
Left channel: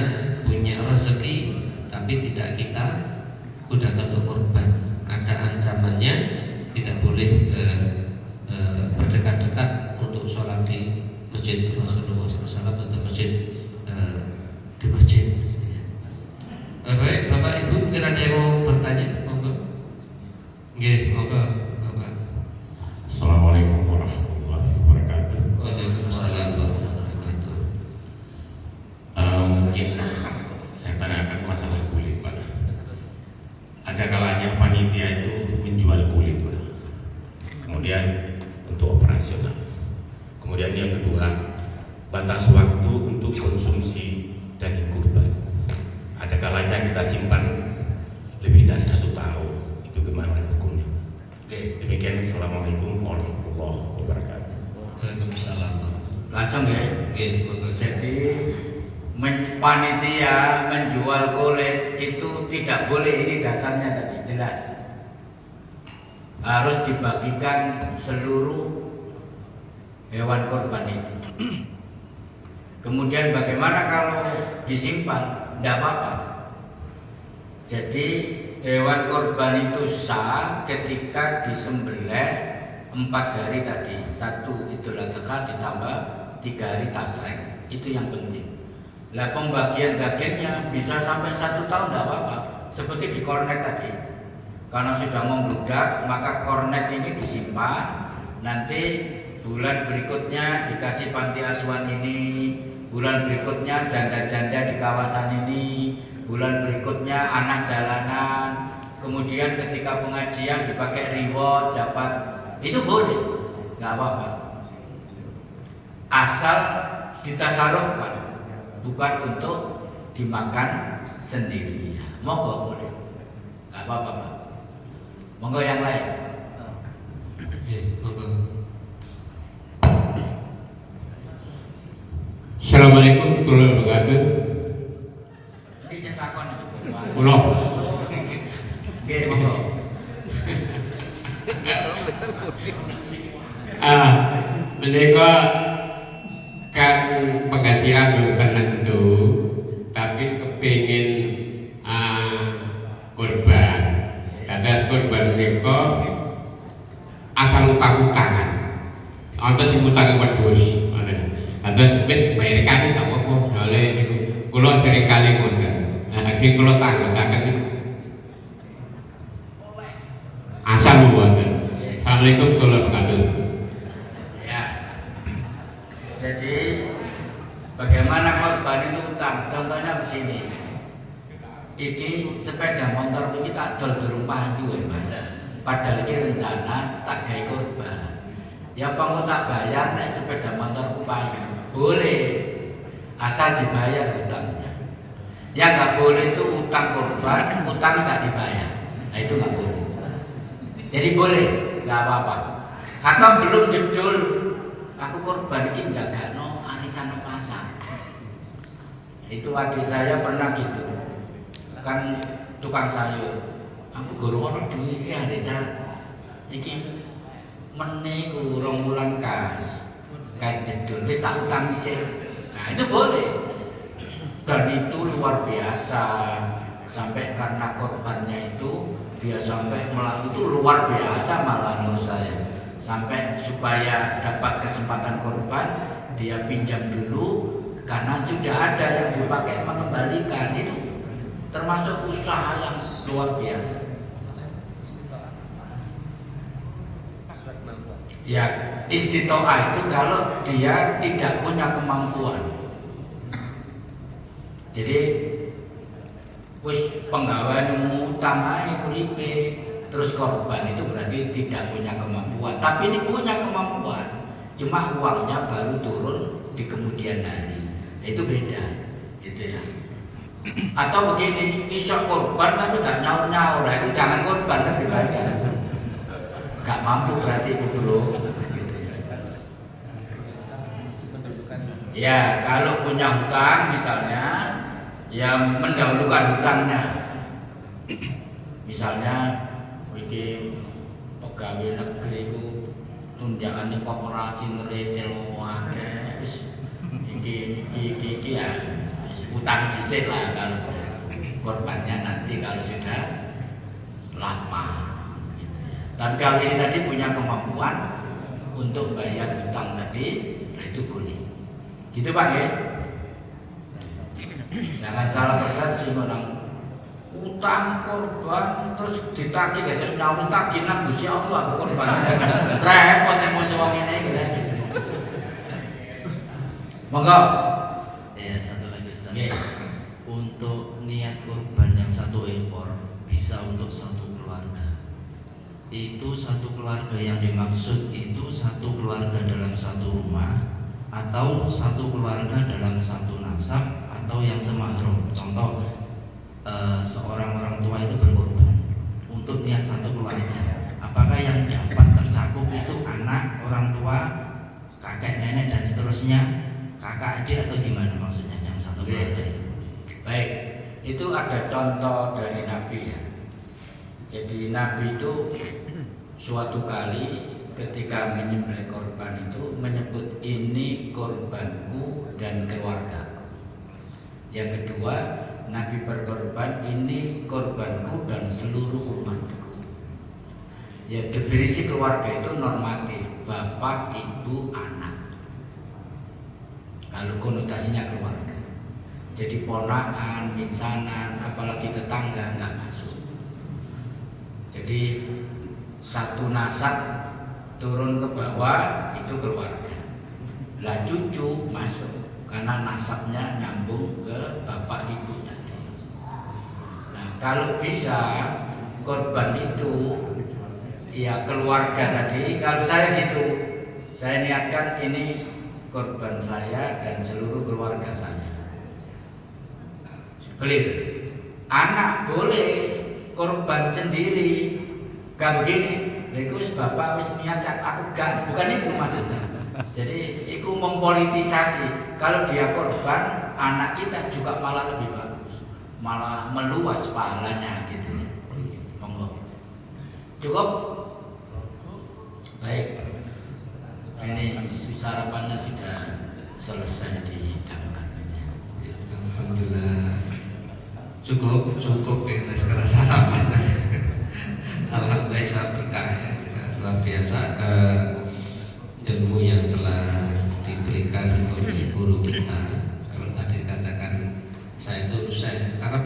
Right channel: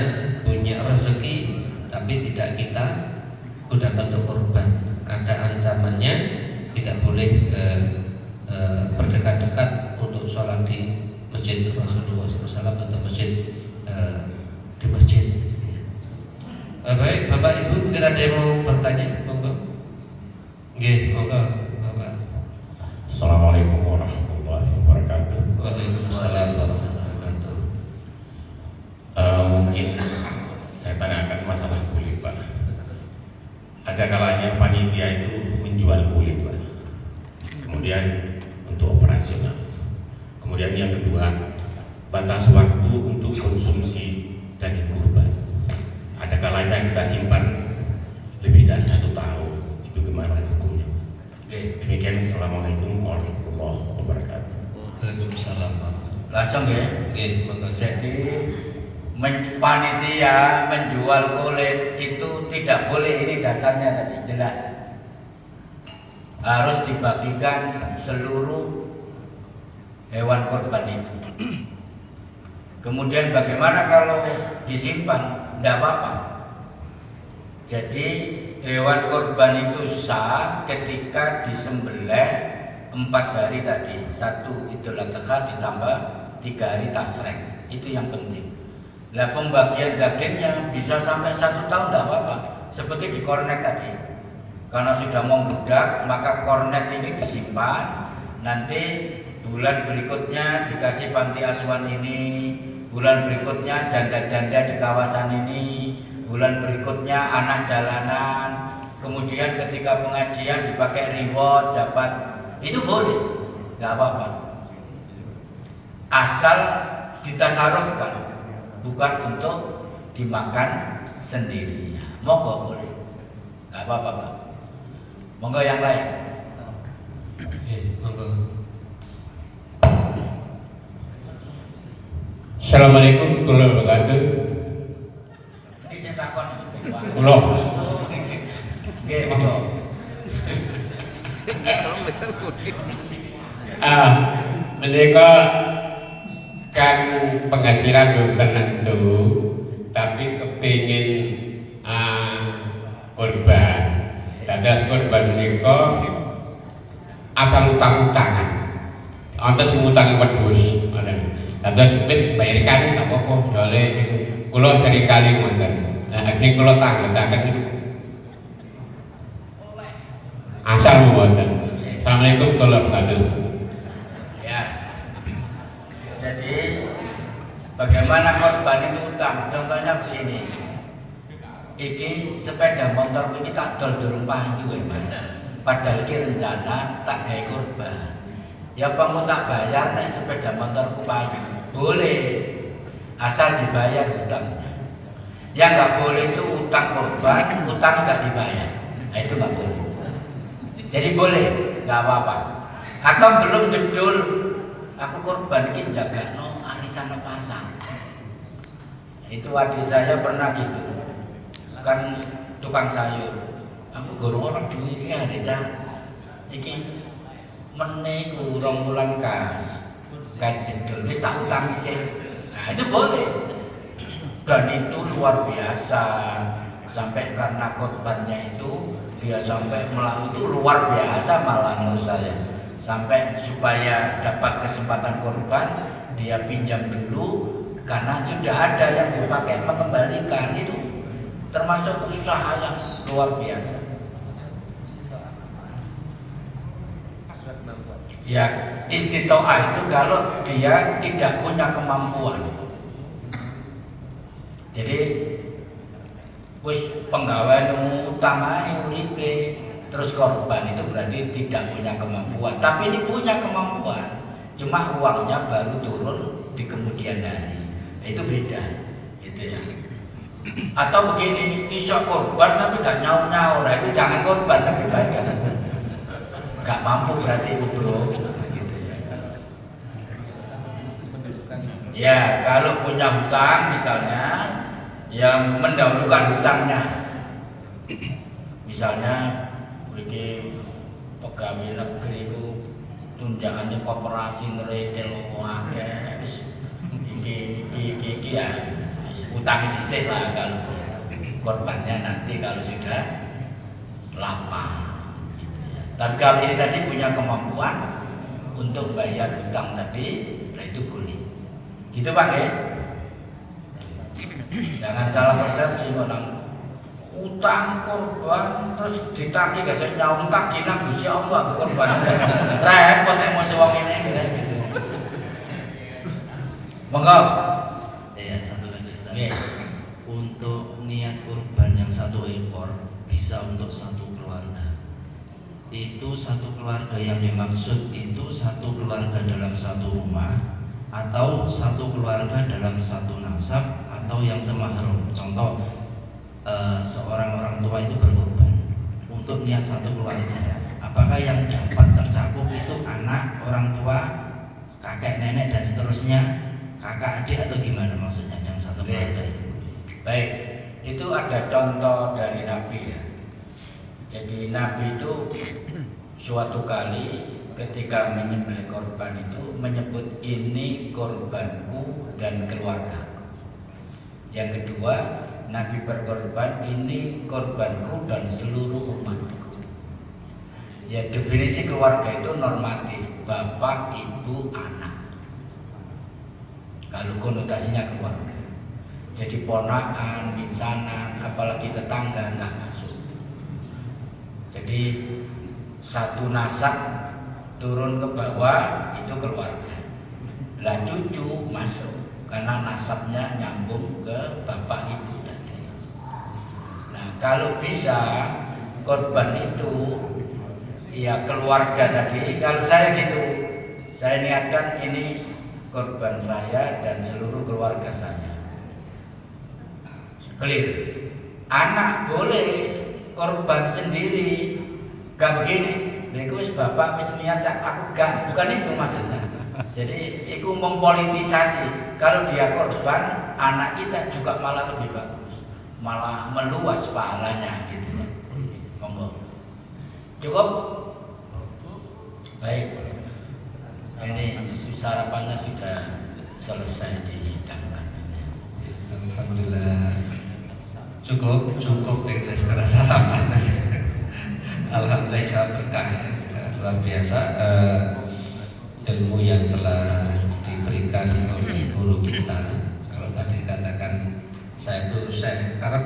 punya rezeki, tapi tidak kita gunakan untuk korban. Ada ancamannya, tidak boleh berdekat-dekat untuk sholat di masjid Rasulullah SAW atau masjid di masjid. Baik, Bapak Ibu, mungkin ada yang mau bertanya, monggo. Nggih, monggo, Bapak. Assalamualaikum warahmatullahi wabarakatuh. Waalaikumsalam warahmatullahi wabarakatuh. Mungkin saya tanyakan masalah kulit, Pak. Ada kalanya panitia itu menjual kulit, Pak. Kemudian untuk operasional. Kemudian yang kedua, batas waktu untuk konsumsi daging kurban. Ada kalanya kita simpan lebih dari 1 tahun. Itu gimana hukumnya? Demikian, assalamualaikum warahmatullahi wabarakatuh. Waalaikumsalam. Langsung ya. Monggo. Jadi panitia menjual kulit itu tidak boleh, ini dasarnya tadi jelas. Harus dibagikan seluruh hewan korban itu. Kemudian bagaimana kalau disimpan? Tidak apa-apa. Jadi hewan korban itu sah ketika disembelih 4 hari tadi. 1 Idul Adha ditambah 3 hari tasrek. Itu yang penting. Lah pembagian dagingnya bisa sampai 1 tahun, tidak apa-apa. Seperti di kornet tadi. Karena sudah membludak, maka kornet ini disimpan. Nanti bulan berikutnya dikasih panti asuhan ini, bulan berikutnya janda-janda di kawasan ini, bulan berikutnya anak jalanan, kemudian ketika pengajian dipakai reward, dapat, itu boleh, nggak apa-apa. Asal ditasarufkan, bukan untuk dimakan sendiri. Monggo boleh, nggak apa-apa, Pak. Monggo yang lain. Monggo. Assalamualaikum warahmatullahi wabarakatuh. Ini saya takon iki. Kula Nggih, monggo. menika kan penghasilan bukan tentu, tapi kepingin korban. mereka asal utang-utangan. Antes ngutangi wedhus, ngoten. Terus wis bayar kali gak apa-apa, soalnya kula sering kali ngoten. Akhirnya kula tanggotaken asal ngoten. Assalamualaikum warahmatullahi wabarakatuh. Ya. Jadi bagaimana korban itu utang? Contohnya begini. Iki sepeda motor ini tak dol di rumah itu ya Mas. Padahal ini rencana tak gawe korban. Ya kamu tak bayar nek sepeda motorku payu. Boleh. Asal dibayar utangnya. Yang nggak boleh itu utang korban, utang nggak dibayar. Nah itu nggak boleh. Jadi boleh, nggak apa-apa. Atau belum betul, aku korban ini jaga no arisan pasar. Itu adik saya pernah gitu. Kan tukang sayur, aku guru orang duit ya ada, iki meniku 2 bulan kas, kayak gitu, dia tak utang sih, nah itu boleh, dan itu luar biasa, sampai karena korbannya itu dia sampai melalui itu luar biasa malah menurut saya, sampai supaya dapat kesempatan korban dia pinjam dulu, karena sudah ada yang dipakai mengembalikan itu. Termasuk usaha yang luar biasa. Ya, istitoah itu kalau dia tidak punya kemampuan. Jadi, wis penggawean utama uripe terus korban itu berarti tidak punya kemampuan. Tapi ini punya kemampuan, cuma uangnya baru turun di kemudian hari. Itu beda, gitu ya. Atau begini, iso korban tapi gak nyaur-nyaur, itu jangan korban kan gak mampu berarti itu loh. Ya kalau punya hutang misalnya, yang mendahulukan hutangnya, misalnya bikin pegawai negeri itu tunjangannya koperasi ngeretel wakil, iki ya utang dhisik lah kalau korbannya nanti kalau sudah lapang gitu ya. Tapi kalau ini tadi punya kemampuan untuk bayar hutang tadi, nah itu boleh. Gitu Pak ya? Jangan salah persepsi orang utang korban terus ditagih gak sih nyaur tagihan Gusti Allah korban. Repot emosi wong ini gitu. Monggo. Ya satu lagi Ustaz. Yeah. Untuk niat kurban yang 1 ekor bisa untuk 1 keluarga. Itu 1 keluarga yang dimaksud itu 1 keluarga dalam 1 rumah atau 1 keluarga dalam 1 nasab atau yang semahram. Contoh seorang orang tua itu berkorban untuk niat 1 keluarga. Apakah yang dapat tercakup itu anak, orang tua, kakek, nenek dan seterusnya? Kakak adik atau gimana maksudnya jangan 1 keluarga ini? Baik, itu ada contoh dari Nabi ya. Jadi Nabi itu suatu kali ketika menyembelih korban itu menyebut ini korbanku dan keluarga. Yang kedua, Nabi berkorban ini korbanku dan seluruh umatku. Ya definisi keluarga itu normatif, bapak, ibu, anak. Kalau konotasinya keluarga, jadi ponakan, misanan, apalagi tetangga nggak masuk. Jadi 1 nasab turun ke bawah itu keluarga. Lah cucu masuk karena nasabnya nyambung ke bapak ibunya. Nah kalau bisa korban itu ya keluarga tadi. Kalau saya gitu, saya niatkan ini korban saya dan seluruh keluarga saya. Clear. Anak boleh korban sendiri, gak begini. Itu bapak wis niat aku gak, bukan itu maksudnya. Jadi itu mempolitisasi. Kalau dia korban, anak kita juga malah lebih bagus, malah meluas pahalanya gitu ya. Monggo. Cukup? Baik. Ini sarapannya sudah selesai dihidangkan. Alhamdulillah. Cukup ya sekarang sarapan. Alhamdulillah. luar biasa ilmu yang telah diberikan oleh guru kita. Kalau tadi katakan saya itu karena